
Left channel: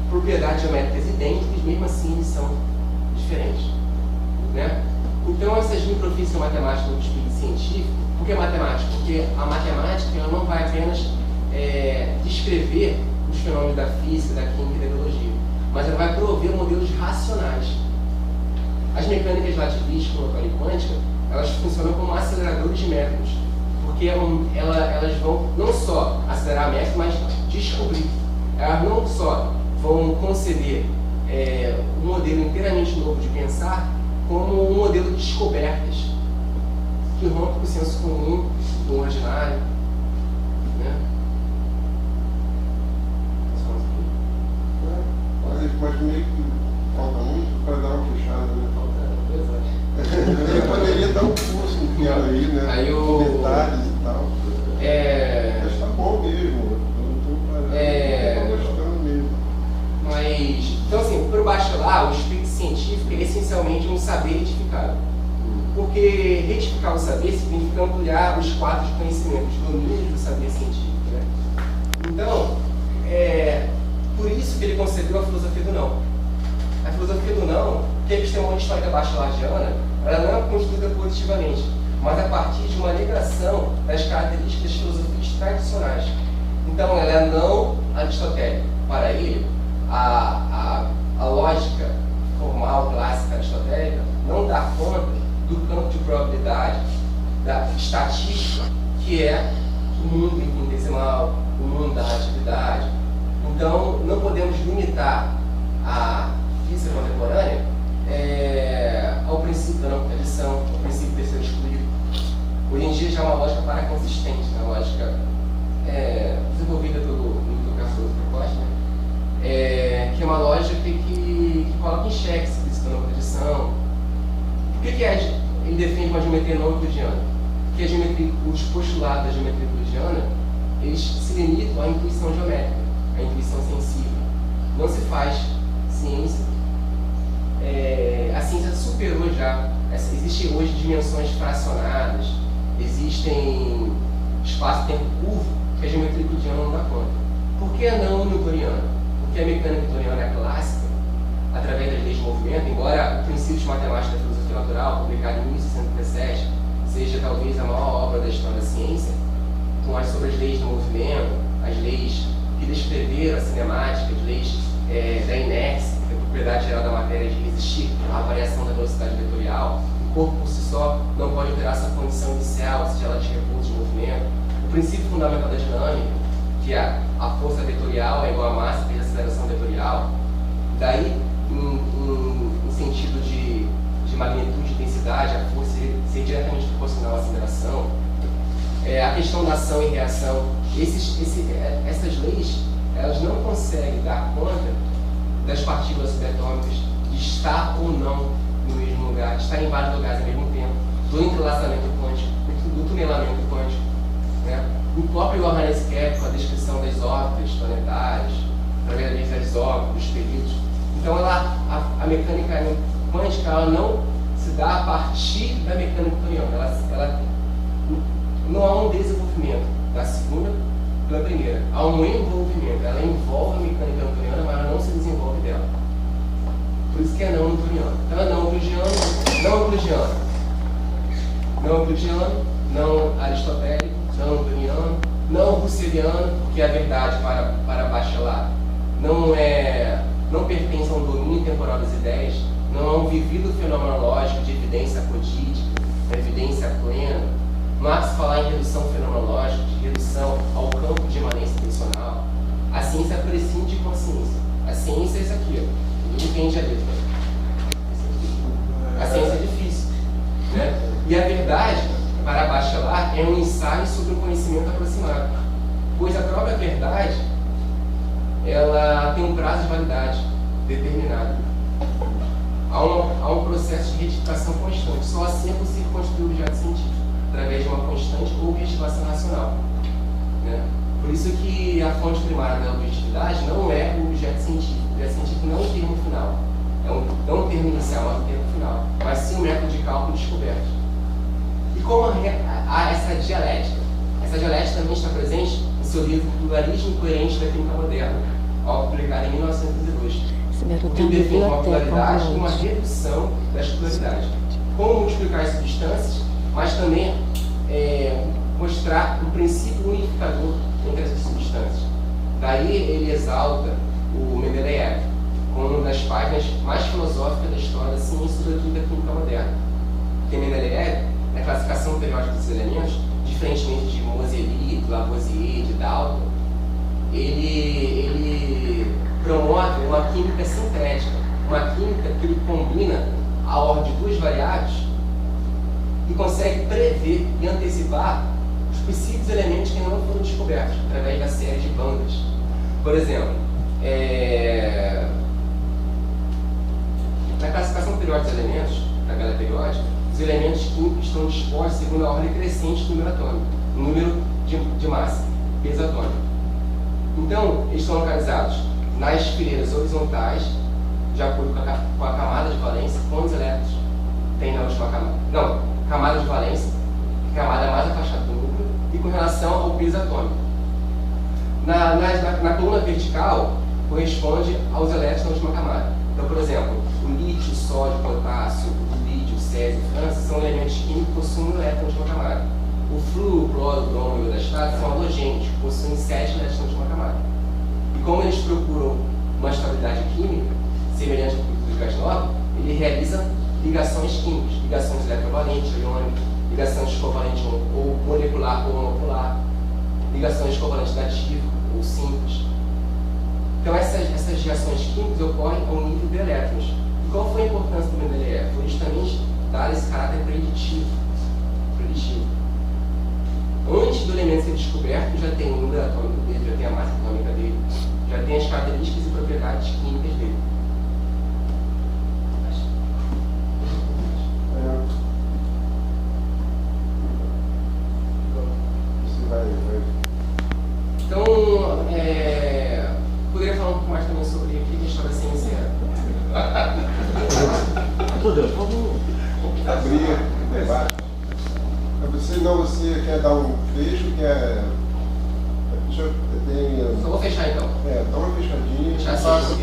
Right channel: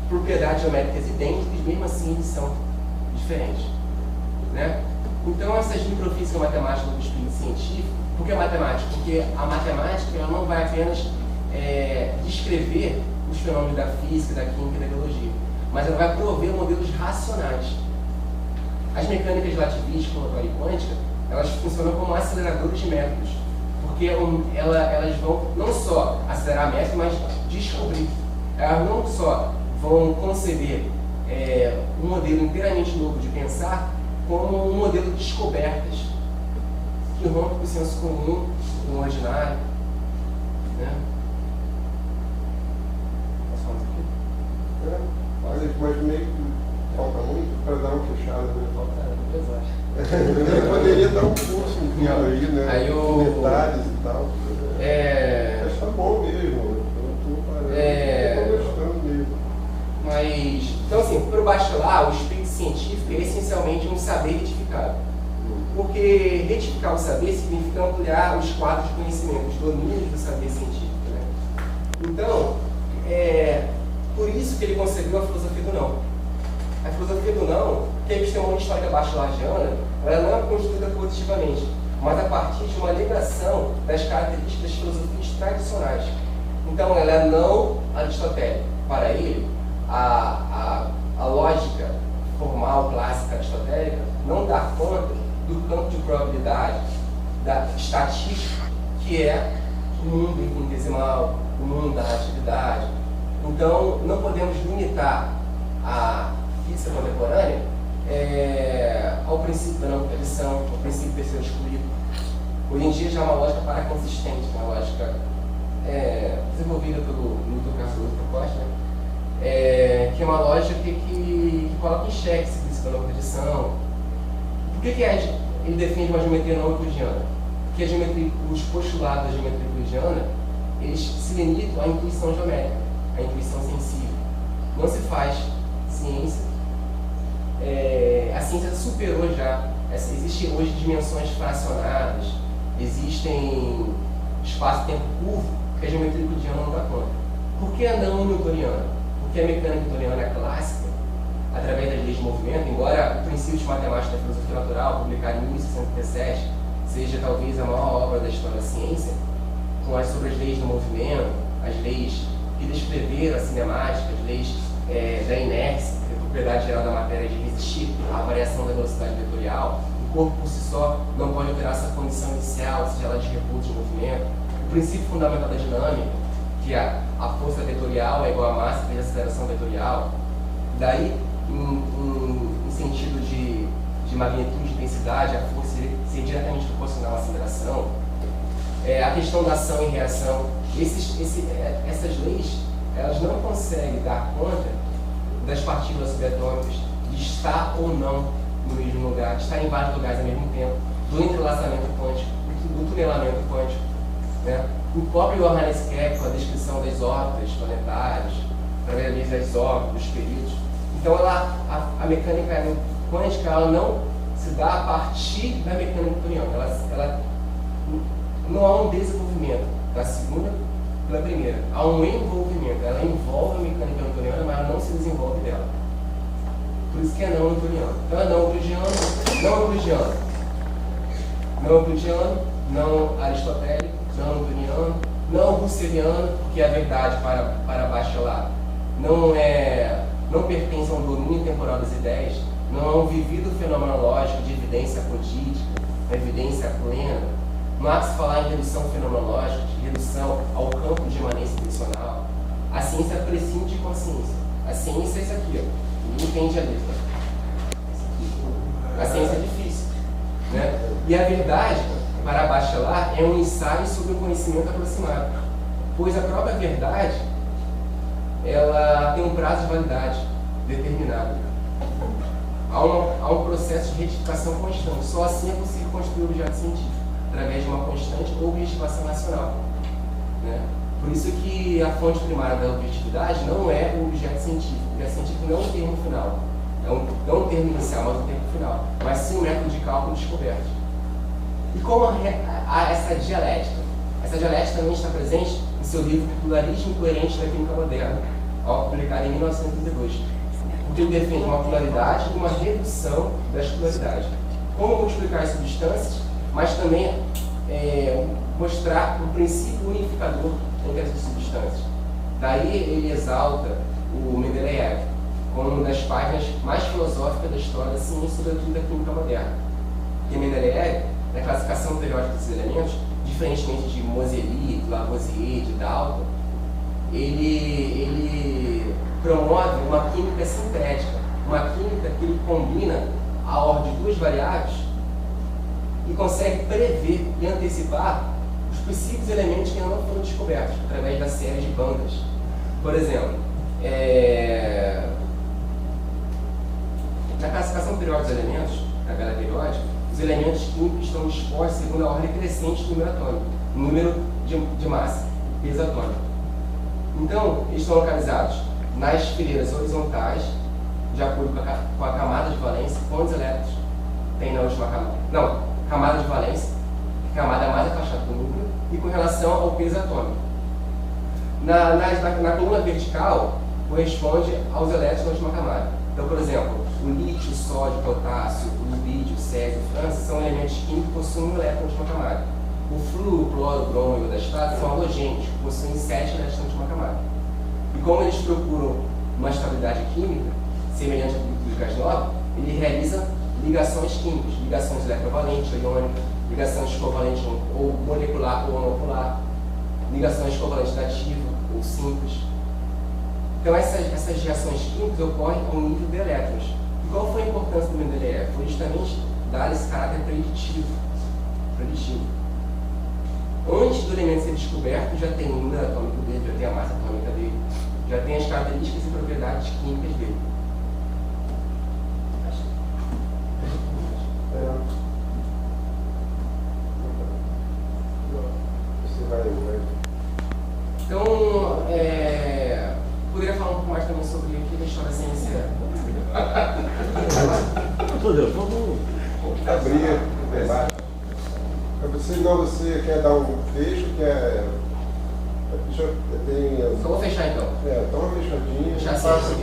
propriedades geométricas idênticas, mesmo assim eles são diferentes. Né? Então essas microfísicas matemáticas do espírito científico, por que matemática? Porque a matemática ela não vai apenas descrever os fenômenos da física, da química e da biologia, mas ela vai prover modelos racionais. As mecânicas relativistas, ondulatória e quântica, elas funcionam como aceleradores de métodos, porque elas vão não só acelerar métodos, mas descobrir. Elas não só vão conceber um modelo inteiramente novo de pensar, como um modelo de descobertas, que rompe com o senso comum, com o ordinário. Né? Mas meio que falta muito para dar uma fechada, né? Falta 2 horas. Ele poderia dar um curso inteiro aí, né? Aí Com detalhes e tal. Mas tá bom mesmo. Eu tô gostando mesmo. Mas, então assim, para o bacharelado, o espírito científico é essencialmente um saber retificado. Porque retificar o saber significa ampliar os quadros de conhecimento, os domínios do saber científico. Né? Então, por isso que ele concebeu a filosofia do não. A filosofia do não, que a epistemologia histórica bachelariana, ela não é construída positivamente, mas a partir de uma negação das características das filosofias tradicionais. Então, ela é não aristotélica. Para ele, a lógica formal, clássica, aristotélica, não dá conta do campo de probabilidade, da estatística, que é o mundo infinitesimal, o mundo da atividade. Então, não podemos limitar a física contemporânea ao princípio da não tradição, ao princípio do terceiro excluído. Hoje em dia já é uma lógica paraconsistente, uma lógica desenvolvida pelo Carlos Procoste, né? Que é uma lógica que coloca em xeque esse princípio da não tradição. Por que ele defende uma geometria não euclidiana? Porque os postulados da geometria euclidiana, eles se limitam à intuição geométrica, à intuição sensível. Não se faz ciência. A ciência superou já. Existem hoje dimensões fracionadas, existem espaço-tempo curvo que a geometria euclidiana não dá conta. Por que a não newtoniana? Porque a mecânica newtoniana clássica, através das leis de movimento, embora o princípio de matemática da filosofia natural, publicado em 1637, seja talvez a maior obra da história da ciência, sobre as leis do movimento, as leis que descreveram a cinemática, as leis da inércia, que é a propriedade geral da matéria de resistir à variação da velocidade vetorial. O corpo por si só não pode alterar sua condição inicial, seja ela de repouso de movimento. O princípio fundamental da dinâmica, que a força vetorial é igual à massa vezes a aceleração vetorial. Daí, em sentido de magnitude e intensidade, a força ser diretamente proporcional à aceleração. A questão da ação e reação. Essas leis, elas não conseguem dar conta das partículas subatômicas, de estar ou não no mesmo lugar, de estar em vários lugares ao mesmo tempo, do entrelaçamento quântico, do tunelamento quântico, né? O próprio Johannes Kepler, com a descrição das órbitas planetárias, através das órbitas, dos períodos. Então, a mecânica quântica, ela não se dá a partir da mecânica newtoniana. Ela não há um desenvolvimento da segunda pela primeira. Há um envolvimento. Ela envolve a mecânica newtoniana, mas ela não se desenvolve dela. Por isso que é não newtoniano. Então, é não euclidiano, não aristotélico, não newtoniano, não russeliano, porque a verdade para Bachelard não pertence a um domínio temporal das ideias, não é um vivido fenomenológico de evidência codídica, evidência plena. Marx falar em redução fenomenológica, de redução ao campo de imanência intencional. A ciência prescinde de consciência. A ciência é isso aqui, ninguém entende a letra. A ciência é difícil, né? E a verdade, para Bachelard, é um ensaio sobre o conhecimento aproximado, pois a própria verdade, ela tem um prazo de validade determinado. Há um processo de retificação constante. Só assim é possível construir o objeto científico, através de uma constante objetivação racional, né? Por isso que a fonte primária da objetividade não é o objeto científico. O objeto científico não é um termo final. Não um termo inicial, mas um termo final. Mas sim um método de cálculo descoberto. E como há essa dialética? Essa dialética também está presente no seu livro Pluralismo Coerente da Química Moderna, ao publicado em 1932. Que define uma pluralidade e uma redução das pluralidades. Como multiplicar as substâncias, mas também mostrar um princípio unificador entre essas substâncias. Daí ele exalta o Mendeleev como uma das páginas mais filosóficas da história da ciência e da química moderna. Porque Mendeleev, na classificação periódica dos elementos, diferentemente de Moseley, de Lavoisier, de Dalton, ele promove uma química sintética, uma química que ele combina a ordem de duas variáveis e consegue prever e antecipar os possíveis elementos que ainda não foram descobertos, através da série de bandas. Por exemplo, na classificação periódica dos elementos, na tabela periódica, os elementos químicos estão dispostos segundo a ordem crescente do número atômico, número de massa, peso atômico. Então, eles estão localizados nas fileiras horizontais, de acordo com a camada de valência, quantos elétrons tem na última camada. Não, camada de valência, camada mais afastada do núcleo, e com relação ao peso atômico. Na coluna vertical, corresponde aos elétrons na última camada. Então, por exemplo, o lítio, o sódio, o potássio, o lítio, o césio, o frâncio são elementos químicos que possuem elétrons de uma camada. O flúor, o cloro, o bromo e o iodastato são halogênios, que possuem 7 elétrons de uma camada. E como eles procuram uma estabilidade química, semelhante ao dos gás nobre, ele realiza ligações químicas, ligações eletrovalentes, iônicas, ligações covalentes ou molecular ou monopolar, ligações covalentes dativa ou simples. Então essas reações químicas ocorrem ao nível de elétrons. E qual foi a importância do Mendeleev? Foi justamente dar esse caráter preditivo. Antes do elemento ser descoberto, já tem o número atômico dele, já tem a massa atômica dele, já tem as características e propriedades químicas dele. Você vai. Então, poderia falar um pouco mais também sobre o que a história da ciência é? Vamos abrir o debate. Você quer dar um fecho, quer. Só vou fechar então. Dá uma fechadinha. Já passa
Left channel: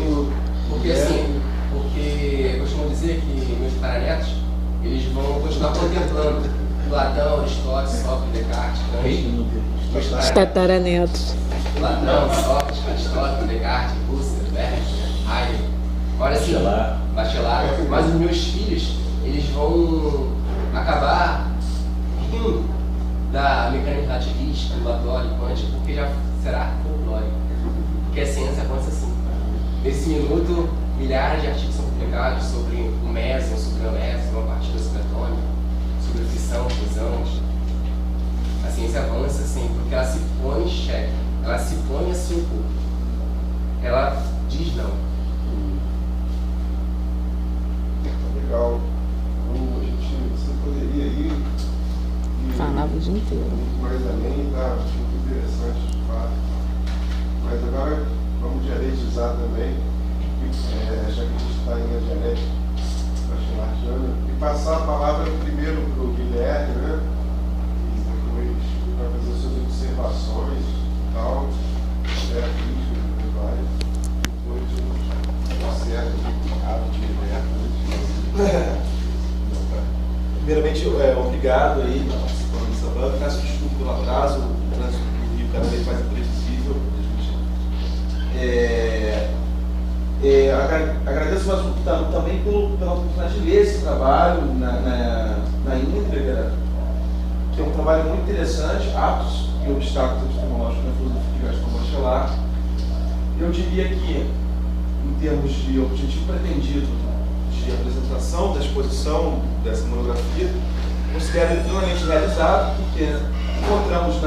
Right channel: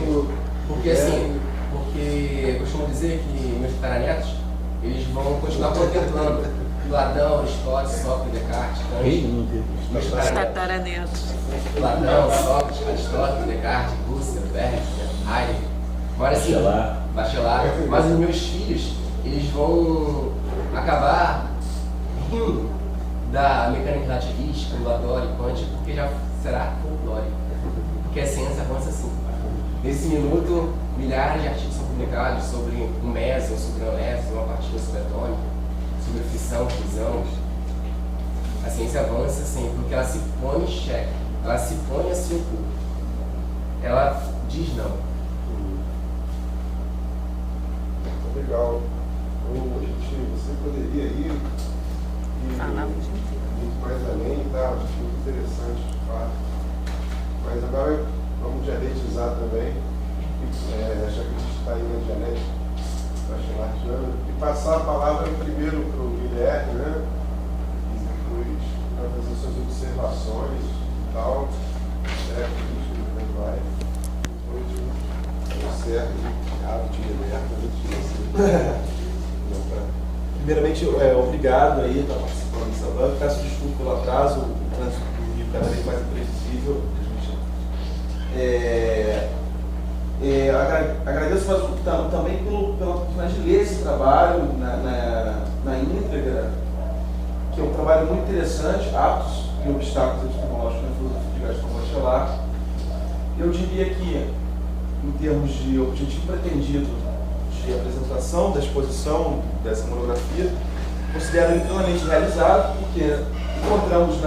porque assim, porque eu costumo dizer que meus tataranetos, eles vão continuar contemplando Platão, Aristóteles, Sócrates, Descartes, Kant. Os tataranetos. Platão, Sócrates, Aristóteles, Descartes, Husserl, Berger, Heidegger. Agora sim, Bachelard. Mas os meus filhos, eles vão acabar rindo da mecânica relativista, ondulatória, quântica, porque já será folclórico. Porque a ciência avança assim. Nesse minuto, milhares de artigos são publicados sobre o meson, sobre o meson, uma partícula subatômica, sobre fissão, fusão. A ciência avança sempre, porque ela se põe em xeque, ela se põe a se opor. Ela diz não. Legal. Você poderia ir falava o dia inteiro. Mais além, tá muito interessante, de fato. Mas agora vamos dialetizar também, já que a gente está em dialética, e passar a palavra primeiro para o Guilherme, né? E depois para fazer suas observações e tal, crítica, depois vai. Depois o certo de ato de liberta, Primeiramente, obrigado aí por participando dessa banca. Peço desculpa pelo atraso, o trânsito do Rio cada vez mais imprevisível. Agradeço também pela oportunidade de ler esse trabalho na íntegra, que é um trabalho muito interessante, Atos e Obstáculos Epistemológicos na Filosofia de Gaston Bachelard. Eu diria que, em termos de objetivo pretendido de apresentação da exposição dessa monografia, considero ele plenamente realizado, porque encontramos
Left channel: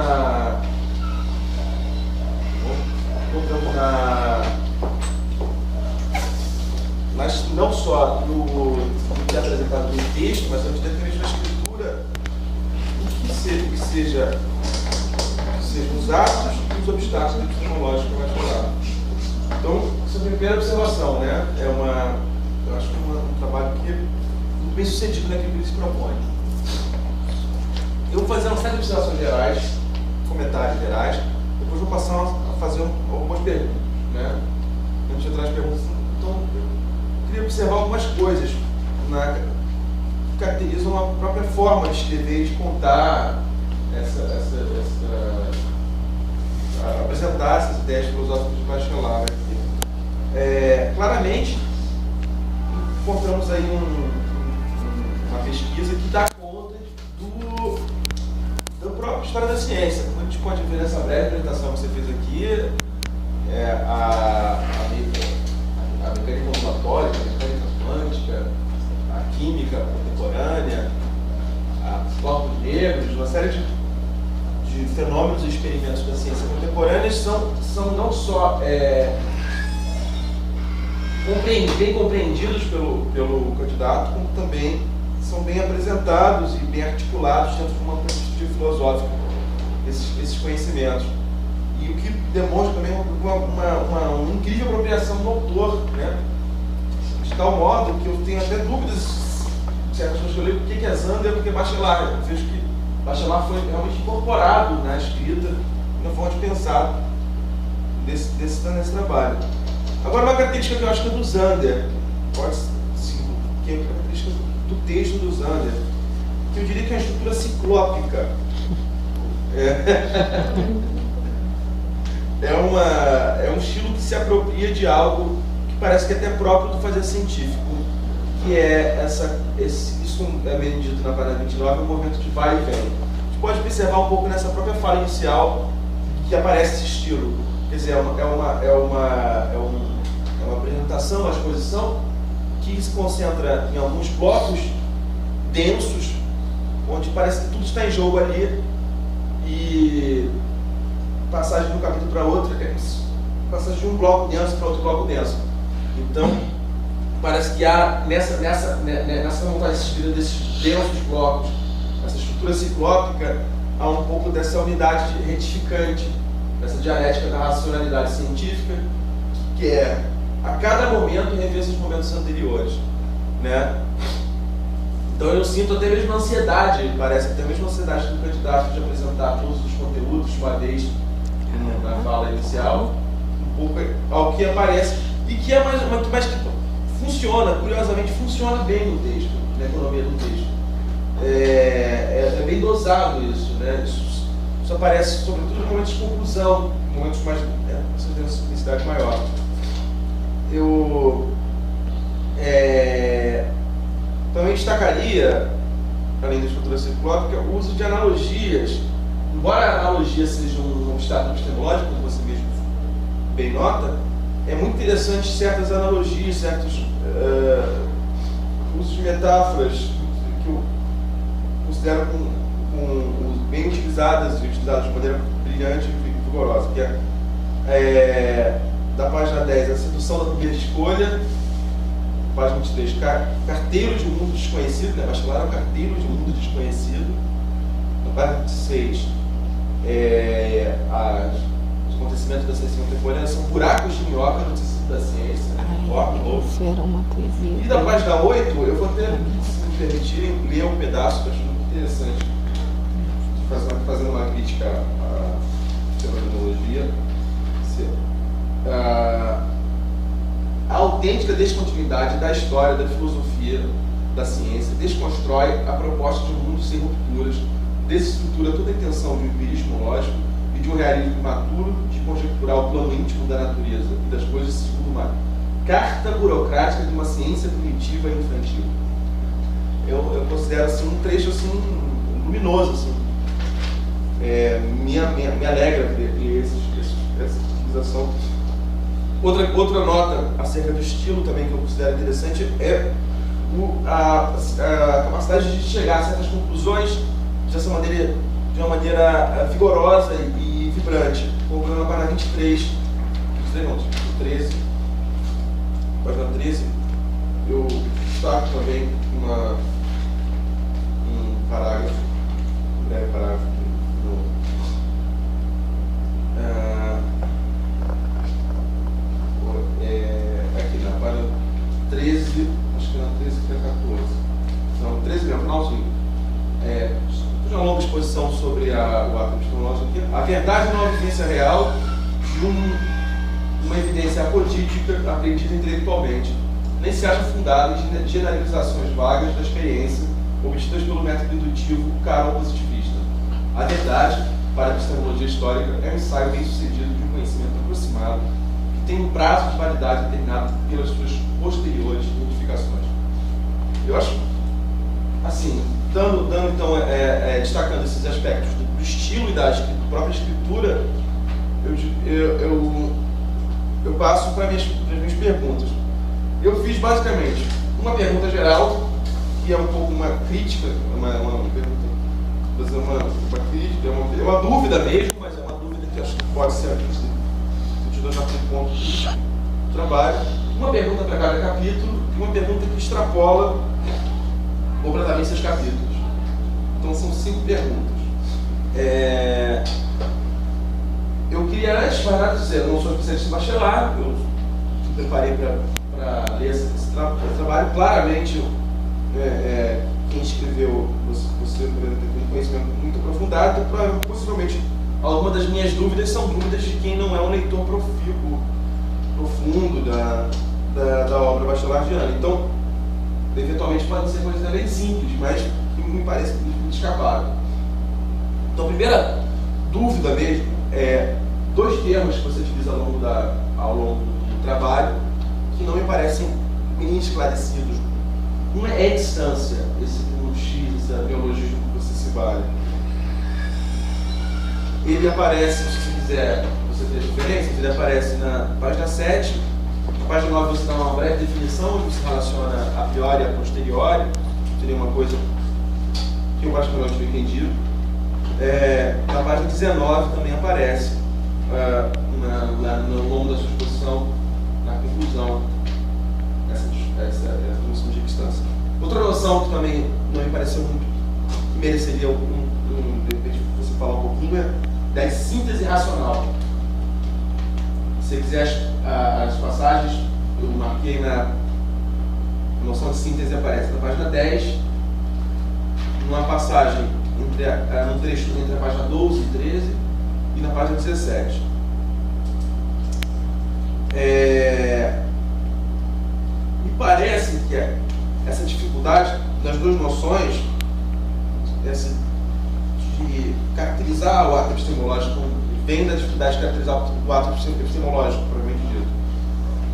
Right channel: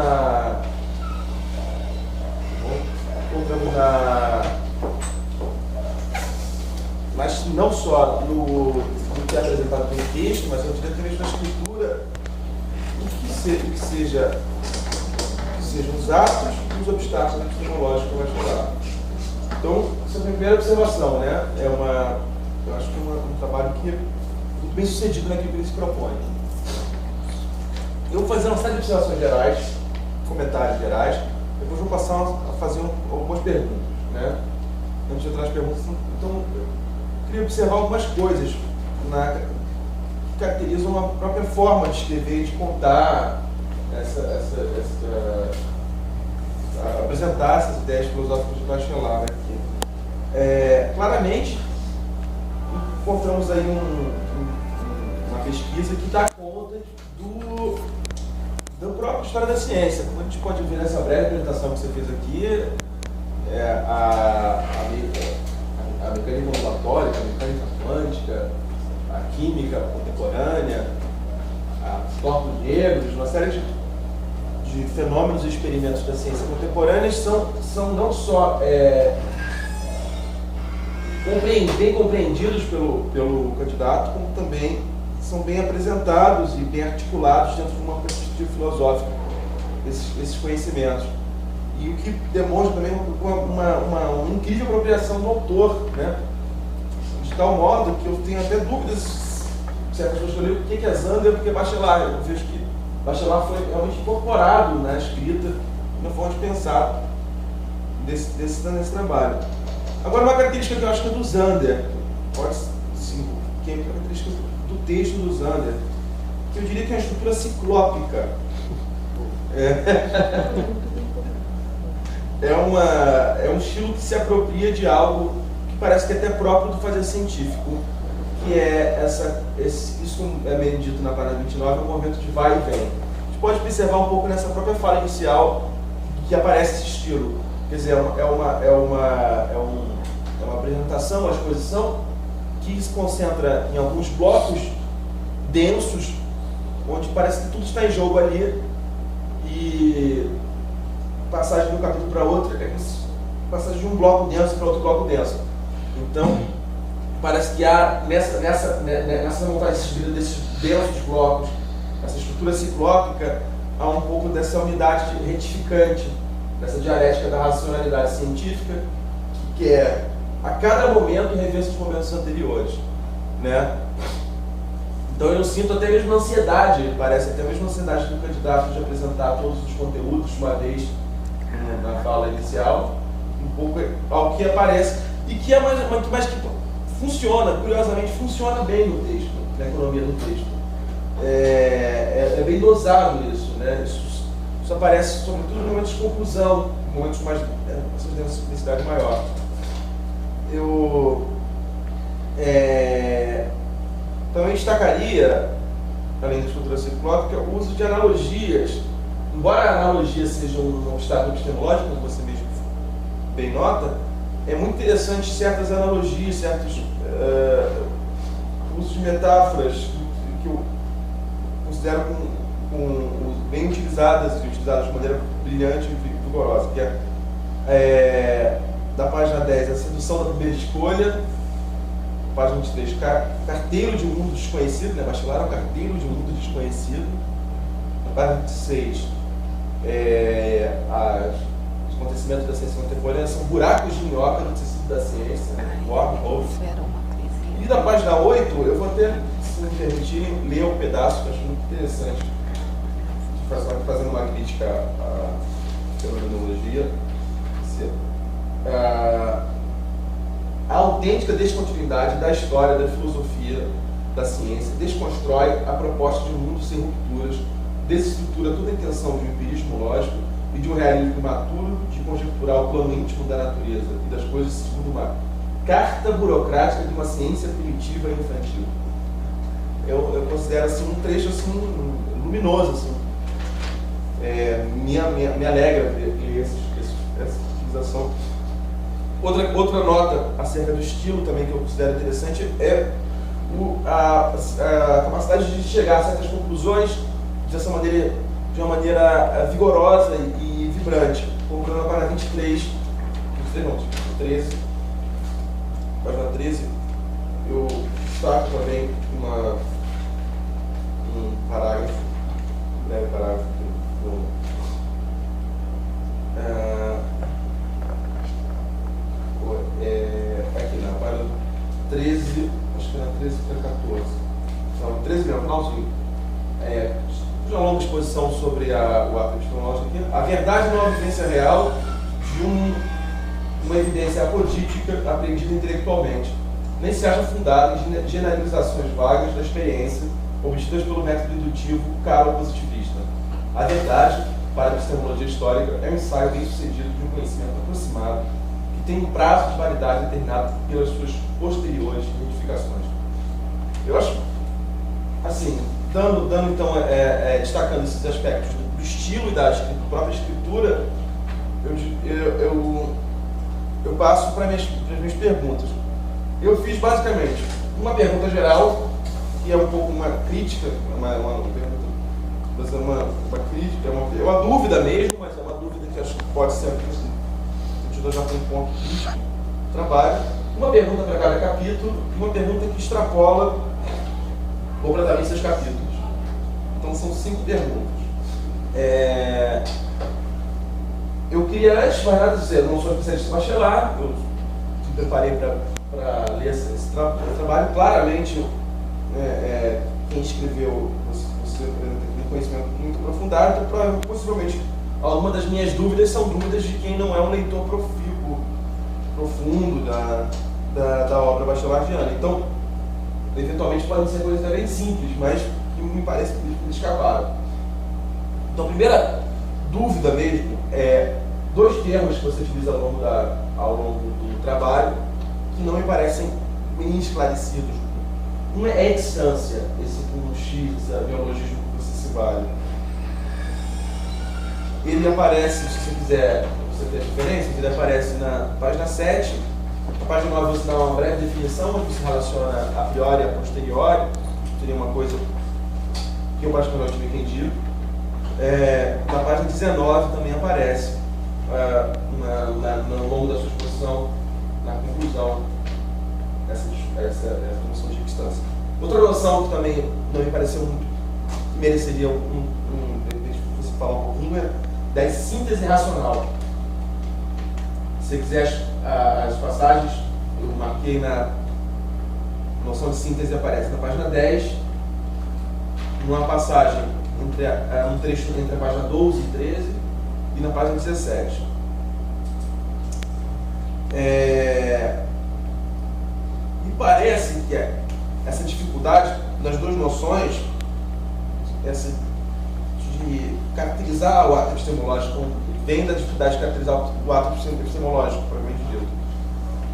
não só no que é apresentado no texto, mas evidentemente na escritura, o que sejam os atos e os obstáculos epistemológicos que vai falar. Então, essa é a minha primeira observação, né? Eu acho que é um trabalho que é muito bem sucedido naquilo que ele se propõe. Eu vou fazer uma série de observações gerais, comentários gerais, depois vou passar a fazer algumas perguntas, né? Antes de entrar nas perguntas, então, eu queria observar algumas coisas que caracterizam a própria forma de escrever e de contar, apresentar essas ideias filosóficas de Bachelard. Claramente, encontramos aí uma pesquisa que dá conta da própria história da ciência. Como a gente pode ver nessa breve apresentação que você fez aqui, a mecânica ondulatória, a mecânica quântica, a química contemporânea, os corpos negros, uma série de fenômenos e experimentos da ciência contemporânea são não só bem compreendidos pelo candidato, como também são bem apresentados e bem articulados dentro de uma perspectiva filosófica, esses conhecimentos. E o que demonstra também uma incrível apropriação do autor, né? De tal modo que eu tenho até dúvidas se a pessoa escolheu por que é Zander ou por que é Bachelard. Eu vejo que Bachelard foi realmente incorporado na escrita, na forma de pensar nesse trabalho. Agora, uma característica que eu acho que é do Zander, pode sim, que é característica do texto do Zander, que eu diria que é uma estrutura ciclópica. É um estilo que se apropria de algo que parece que é até próprio do fazer científico, que é isso é bem dito na página 29, um movimento de vai e vem. A gente pode observar um pouco nessa própria fala inicial que aparece esse estilo. Quer dizer, é uma apresentação, uma exposição que se concentra em alguns blocos densos, onde parece que tudo está em jogo ali, e passagem de um capítulo para outro é passagem de um bloco denso para outro bloco denso. Então, parece que há nessa montagem desses densos blocos, essa estrutura ciclópica, há um pouco dessa unidade retificante, dessa dialética da racionalidade científica, que é, a cada momento, rever esses momentos anteriores, né? Então eu sinto até mesmo ansiedade, parece até mesmo ansiedade do candidato de apresentar todos os conteúdos de uma vez na fala inicial, um pouco ao que aparece, e que é mais que funciona, curiosamente, funciona bem no texto, na economia do texto. É bem dosado isso, né? Isso aparece sobretudo em momentos de conclusão, em momentos mais de simplicidade maior. Eu também destacaria, além da estrutura ciclópica, o uso de analogias. Embora a analogia seja um obstáculo epistemológico, como você mesmo bem nota, é muito interessante certas analogias, certos usos de metáforas que eu considero bem utilizadas e utilizadas de maneira brilhante e vigorosa, que é da página 10, a sedução da primeira escolha, página 23, carteiro de um mundo desconhecido, né? Bachelor é um carteiro de um mundo desconhecido. Na página 26, os acontecimentos da ciência contemporânea são buracos de minhoca no tecido da ciência. Isso era uma poesia. E da página 8, eu vou até, se me permitirem, ler um pedaço que eu acho muito interessante, fazendo uma crítica à fenomenologia. A autêntica descontinuidade da história, da filosofia, da ciência, desconstrói a proposta de um mundo sem rupturas, desestrutura toda a intenção de um empirismo lógico e de um realismo imaturo de conjecturar o plano íntimo da natureza e das coisas segundo uma carta burocrática de uma ciência primitiva e infantil. Eu considero assim, um trecho assim, luminoso. Assim. Me alegra ver essa utilização. Outra nota acerca do estilo também que eu considero interessante é a capacidade de chegar a certas conclusões de uma maneira vigorosa e vibrante. Como na página 23, 13, página 13, eu destaco também um parágrafo, um breve parágrafo aqui na página 13, acho que na 13 para 14. Não, 13 não, finalzinho. Uma longa exposição sobre o ato epistemológico aqui. A verdade não é uma evidência real de uma evidência apodítica aprendida intelectualmente. Nem se acha fundada em generalizações vagas da experiência obtidas pelo método indutivo caro-positivista. A verdade, para a epistemologia histórica, é um ensaio bem-sucedido de um conhecimento aproximado que tem um prazo de validade determinado pelas suas posteriores identificações. Eu acho, assim, dando então, destacando esses aspectos do estilo e da própria escritura, eu passo para as minhas perguntas. Eu fiz basicamente uma pergunta geral, que é um pouco uma crítica, uma pergunta, mas é uma crítica, é uma dúvida mesmo, mas é uma dúvida que acho que pode ser discutida já por um ponto crítico do trabalho. Uma pergunta para cada capítulo e uma pergunta que extrapola completamente seus capítulos. Então são 5 perguntas. Eu queria, antes de mais nada, dizer, eu não sou especialista em Bachelard, eu me preparei para ler esse trabalho. Claramente, quem escreveu, você tem um conhecimento muito aprofundado, então possivelmente algumas das minhas dúvidas são dúvidas de quem não é um leitor profundo da obra bachelardiana. Então, eventualmente podem ser coisas também simples, mas me parece que me escaparam. Então, a primeira dúvida mesmo é dois termos que você utiliza ao longo do trabalho que não me parecem bem esclarecidos. Um é extância, esse com X, esse neologismo que você se vale. Ele aparece, se você quiser, você ter referências, ele aparece na página 7. Na página 9 você dá uma breve definição, onde você relaciona a priori e a posteriori. Seria uma coisa que eu basicamente tinha entendido. Na página 19 também aparece, no longo da sua exposição, na conclusão, essa noção de distância. Outra noção que também não me pareceu muito, que mereceria de você falar um pouquinho, é da síntese racional. Se você quiser as passagens, eu marquei a noção de síntese aparece na página 10, numa passagem, um trecho entre a página 12 e 13 e na página 17. Me parece que essa dificuldade nas duas noções, essa de caracterizar o ato epistemológico, vem da dificuldade de caracterizar o ato epistemológico, propriamente dito.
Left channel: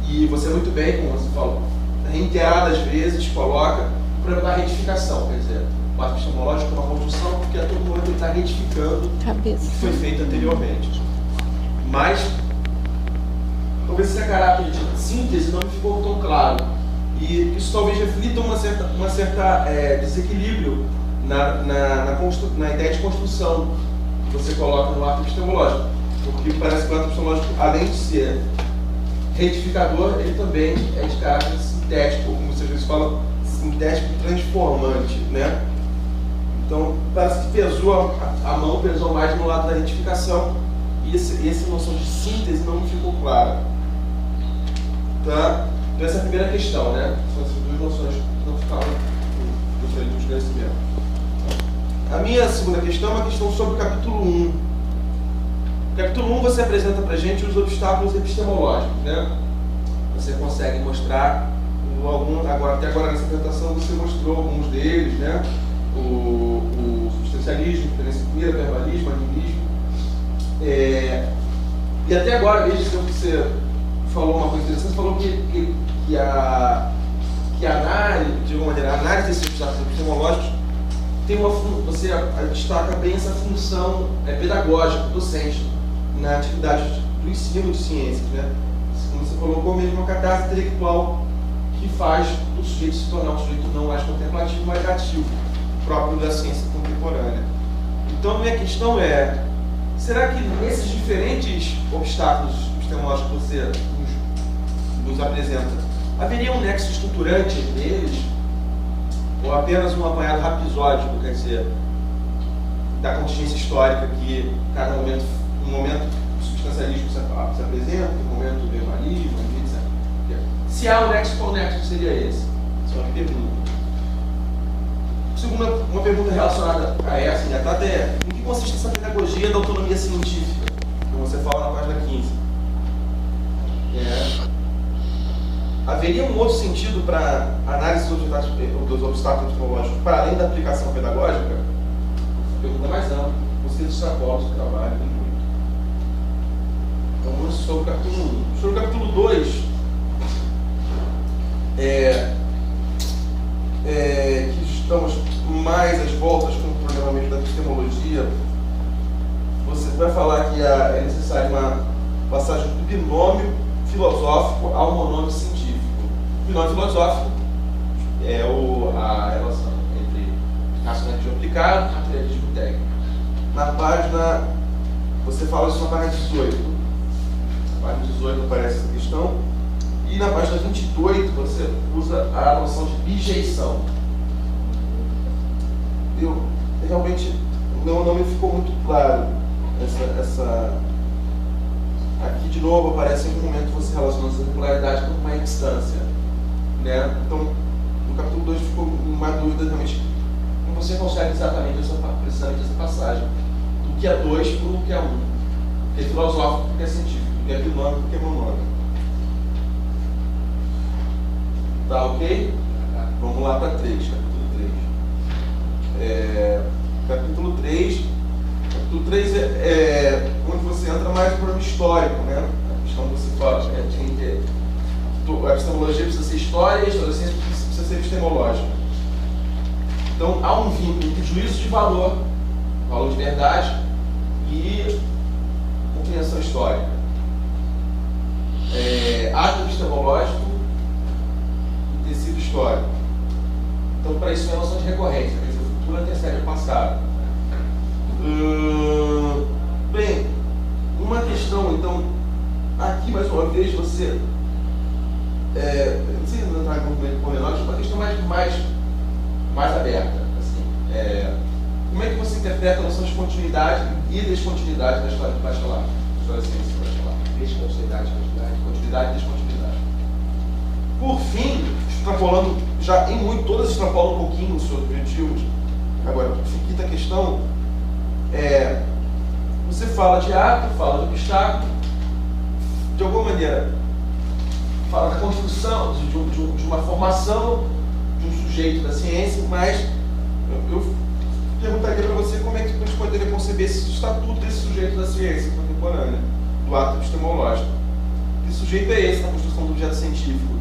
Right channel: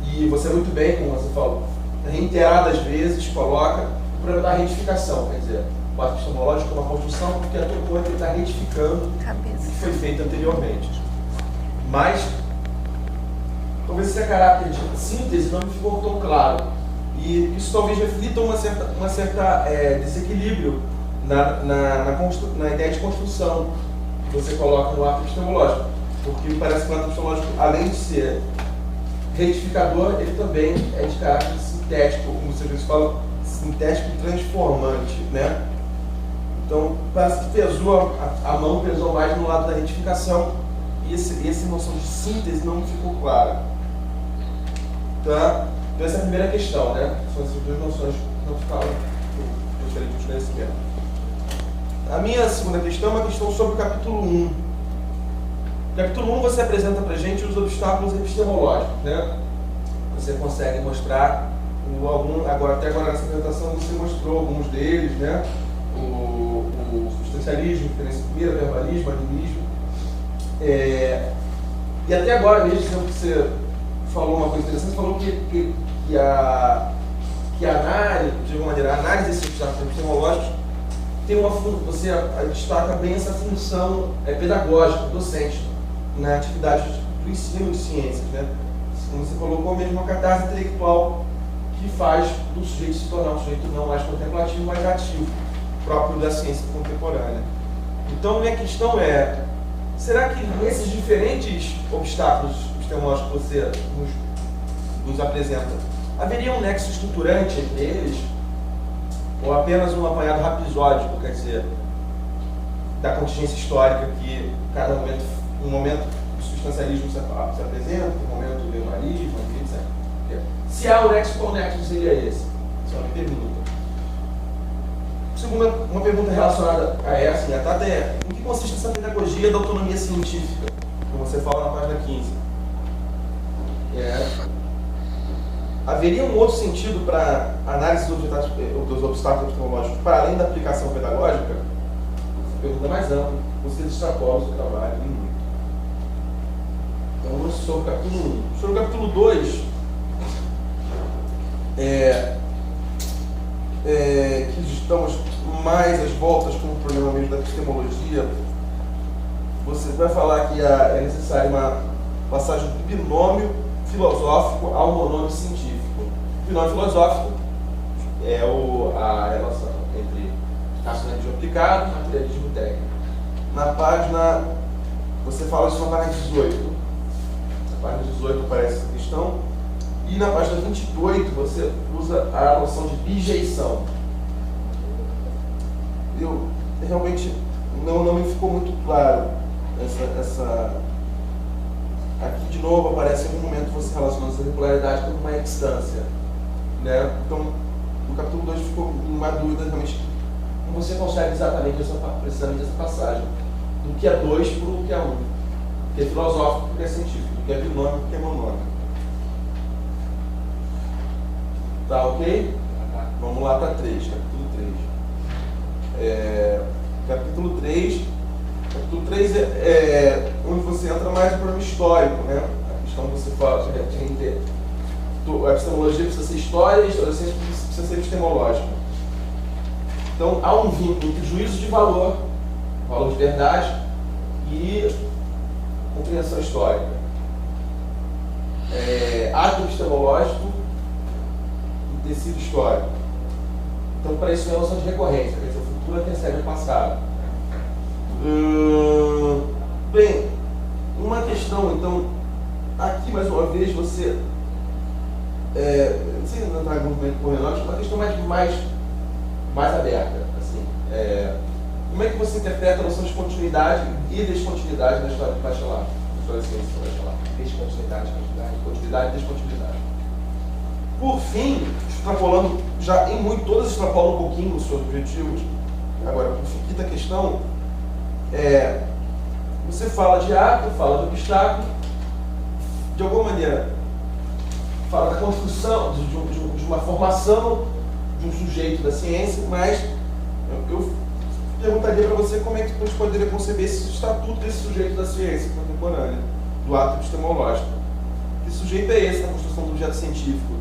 E você muito bem, como você falou, reiteradas vezes coloca o problema da retificação, quer dizer, o ato epistemológico é uma construção porque a todo momento ele está retificando o que foi feito anteriormente. Mas, talvez esse caráter de síntese não me ficou tão claro. E isso talvez reflita uma certa desequilíbrio na ideia de construção que você coloca no ato epistemológico. Porque parece que o ato epistemológico, além de ser retificador, ele também é de caráter sintético, como você às vezes fala, sintético e transformante, né? Então, parece que a mão pesou mais no lado da retificação e essa noção de síntese não ficou clara. Tá? Então, essa é a primeira questão, né? São essas duas noções que não ficaram, eu gostaria de esclarecimento. A minha segunda questão é uma questão sobre o capítulo 1. No capítulo 1 você apresenta para a gente os obstáculos epistemológicos, né? Você consegue mostrar, até agora nessa apresentação você mostrou alguns deles, né? O substancialismo, diferença primeira, verbalismo, animismo. E até agora mesmo você falou uma coisa interessante, falou que a análise, de alguma maneira, a análise desses obstáculos epistemológicos tem você destaca bem essa função pedagógica, docente, na atividade do ensino de ciências, né? Como você colocou mesmo, uma catarse intelectual que faz do sujeito se tornar um sujeito não mais contemplativo, mas ativo, próprio da ciência contemporânea. Então, minha questão é, será que nesses diferentes obstáculos epistemológicos que você nos apresenta, haveria um nexo estruturante entre eles? Ou apenas um apanhado rapisódico, quer dizer, da contingência histórica que cada momento, um momento o substancialismo se apresenta, um momento o verbalismo, etc. Se há um nexo, qual nexo seria esse? Essa é uma pergunta. Segunda, uma pergunta relacionada a essa, né? Até em que consiste essa pedagogia da autonomia científica, como você fala na página 15? Haveria um outro sentido para análise dos obstáculos epistemológicos para além da aplicação pedagógica? Pergunta mais ampla, você extrapola o seu trabalho muito. Então vamos sobre o capítulo 1. Sobre o capítulo 2, que estamos mais às voltas com o problema mesmo da epistemologia, você vai falar que é necessária uma passagem do binômio filosófico ao monômio científico. O binômio filosófico é a relação entre racionalismo aplicado e materialismo técnico. Na página, você fala isso na página 18. Na página 18 aparece essa questão. E na página 28 você usa a noção de bijeição. Eu realmente não me ficou muito claro essa aqui de novo aparece em algum momento você relacionando essa regularidade com uma extância, né? Então no capítulo 2 ficou uma dúvida realmente como você consegue precisamente essa passagem do que é 2 para o que é 1, do que é filosófico para o que é científico, do que é binômio para o que é monômio. Tá ok? Vamos lá para 3, capítulo 3. Capítulo 3. Capítulo 3 é onde você entra mais no problema histórico, né? A questão que você fala, a epistemologia precisa ser história e a história precisa ser epistemológica. Então, há um vínculo entre juízo de valor de verdade e compreensão histórica. Ato epistemológico e tecido histórico. Então, para isso é a noção de recorrência, quer dizer, o futuro antecede o passado. Bem, uma questão, então, aqui mais uma vez você, não sei entrar muito pormenores, uma questão mais aberta. Assim, como é que você interpreta a noção de continuidade e descontinuidade na história de bacharelado? Na história da ciência de bacharelado. Descontinuidade, Continuidade e descontinuidade. Por fim, extrapolando, já em muito, todas extrapolam um pouquinho os seus objetivos. Agora, por fim, quinta questão, você fala de ato, fala do obstáculo, de alguma maneira, fala da construção, de uma formação de um sujeito da ciência, mas eu perguntaria para você como é que a gente poderia conceber esse estatuto desse sujeito da ciência contemporânea, do ato epistemológico. Que sujeito é esse na construção do objeto científico?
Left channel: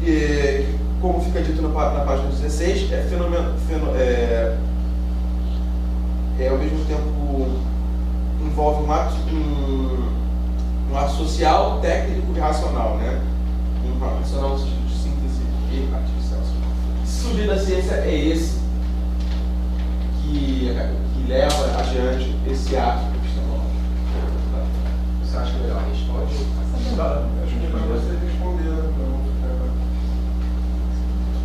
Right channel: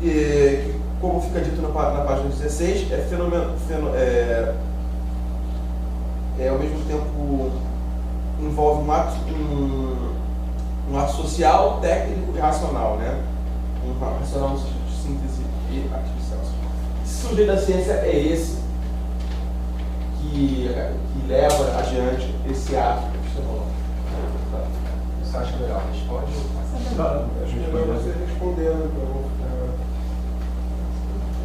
Que, como fica dito na página 16, ao mesmo tempo envolve um ato social, técnico e racional, né? Um ato racional de síntese e artificial. Esse sujeito da ciência é esse que leva adiante esse ato epistemológico. Você acha melhor? Responde? Acho que é para você responder, né?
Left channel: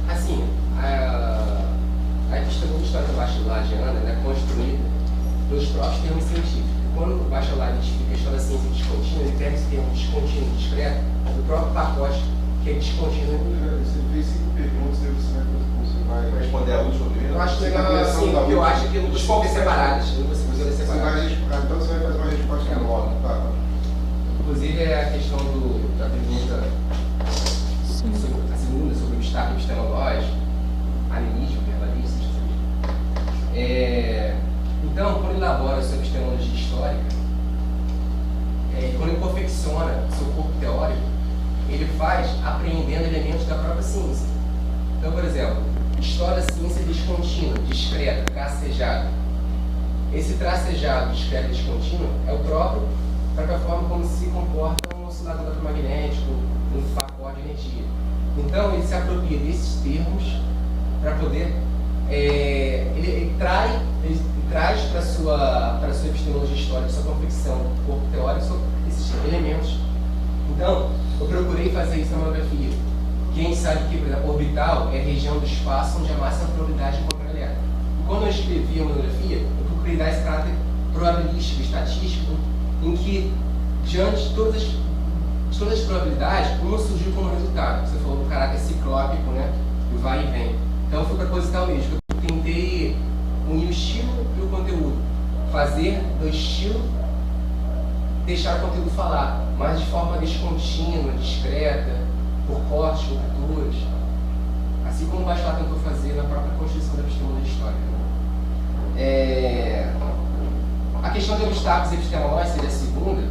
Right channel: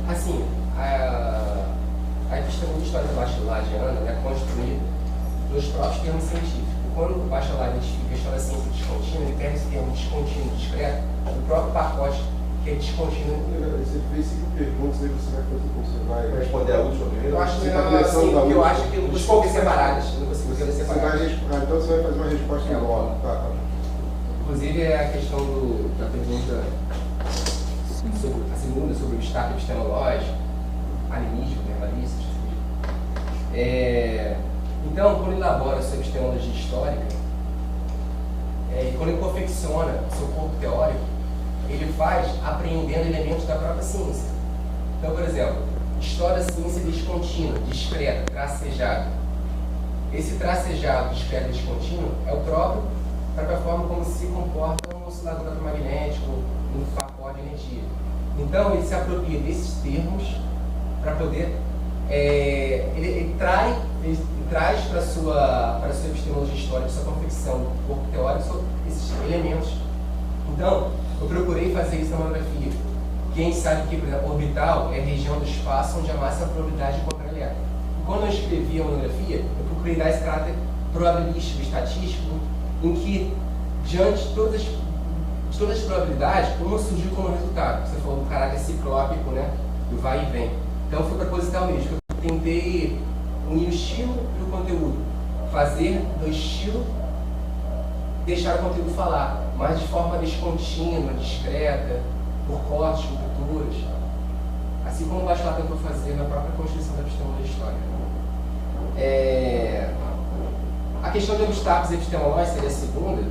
Assim, a questão de história bacheladiana é construída nos próprios termos científicos. Quando o bachelar identifica a história da ciência descontínua, ele quer esse termo descontínuo e discreto do próprio pacote que é descontínuo. Você fez 5 perguntas, aí você vai responder a última primeiro? Eu acho que eu acho que não consigo ver separadas. Eu não consigo ver separadas. Então você vai fazer uma resposta em modo. Tá. Inclusive é a questão da pergunta sobre a segunda, sobre o obstáculo epistemológico, animismo, verbalismo, então, quando ele elabora a sua epistemologia histórica, quando ele confecciona seu corpo teórico, ele faz apreendendo elementos da própria ciência. Então, por exemplo, história da ciência descontínua, discreta, tracejada. Esse tracejado, discreto e descontínuo é a própria forma como se comporta um oscilador eletromagnético, um pacote de energia. Então, ele se apropria desses termos para poder ele traz para a sua epistemologia histórica, sua confecção do corpo teórico, esses elementos. Então, eu procurei fazer isso na monografia. Quem sabe que, por exemplo, orbital é a região do espaço onde a máxima probabilidade de encontrar elétron. E quando eu escrevi a monografia, eu procurei dar esse caráter probabilístico, estatístico, em que, diante de todas as probabilidades, uma surgiu como resultado. Você falou do caráter ciclópico, né? Do vai e vem. Então foi proposital mesmo. Eu tentei unir o estilo e o conteúdo. Fazer do estilo, deixar o conteúdo falar, mas de forma descontínua, discreta, por cortes, por culturas. Assim como o Bachelard tentou fazer na própria Constituição da Epistemologia Histórica. A questão de obstáculos epistemológicos seria a segunda.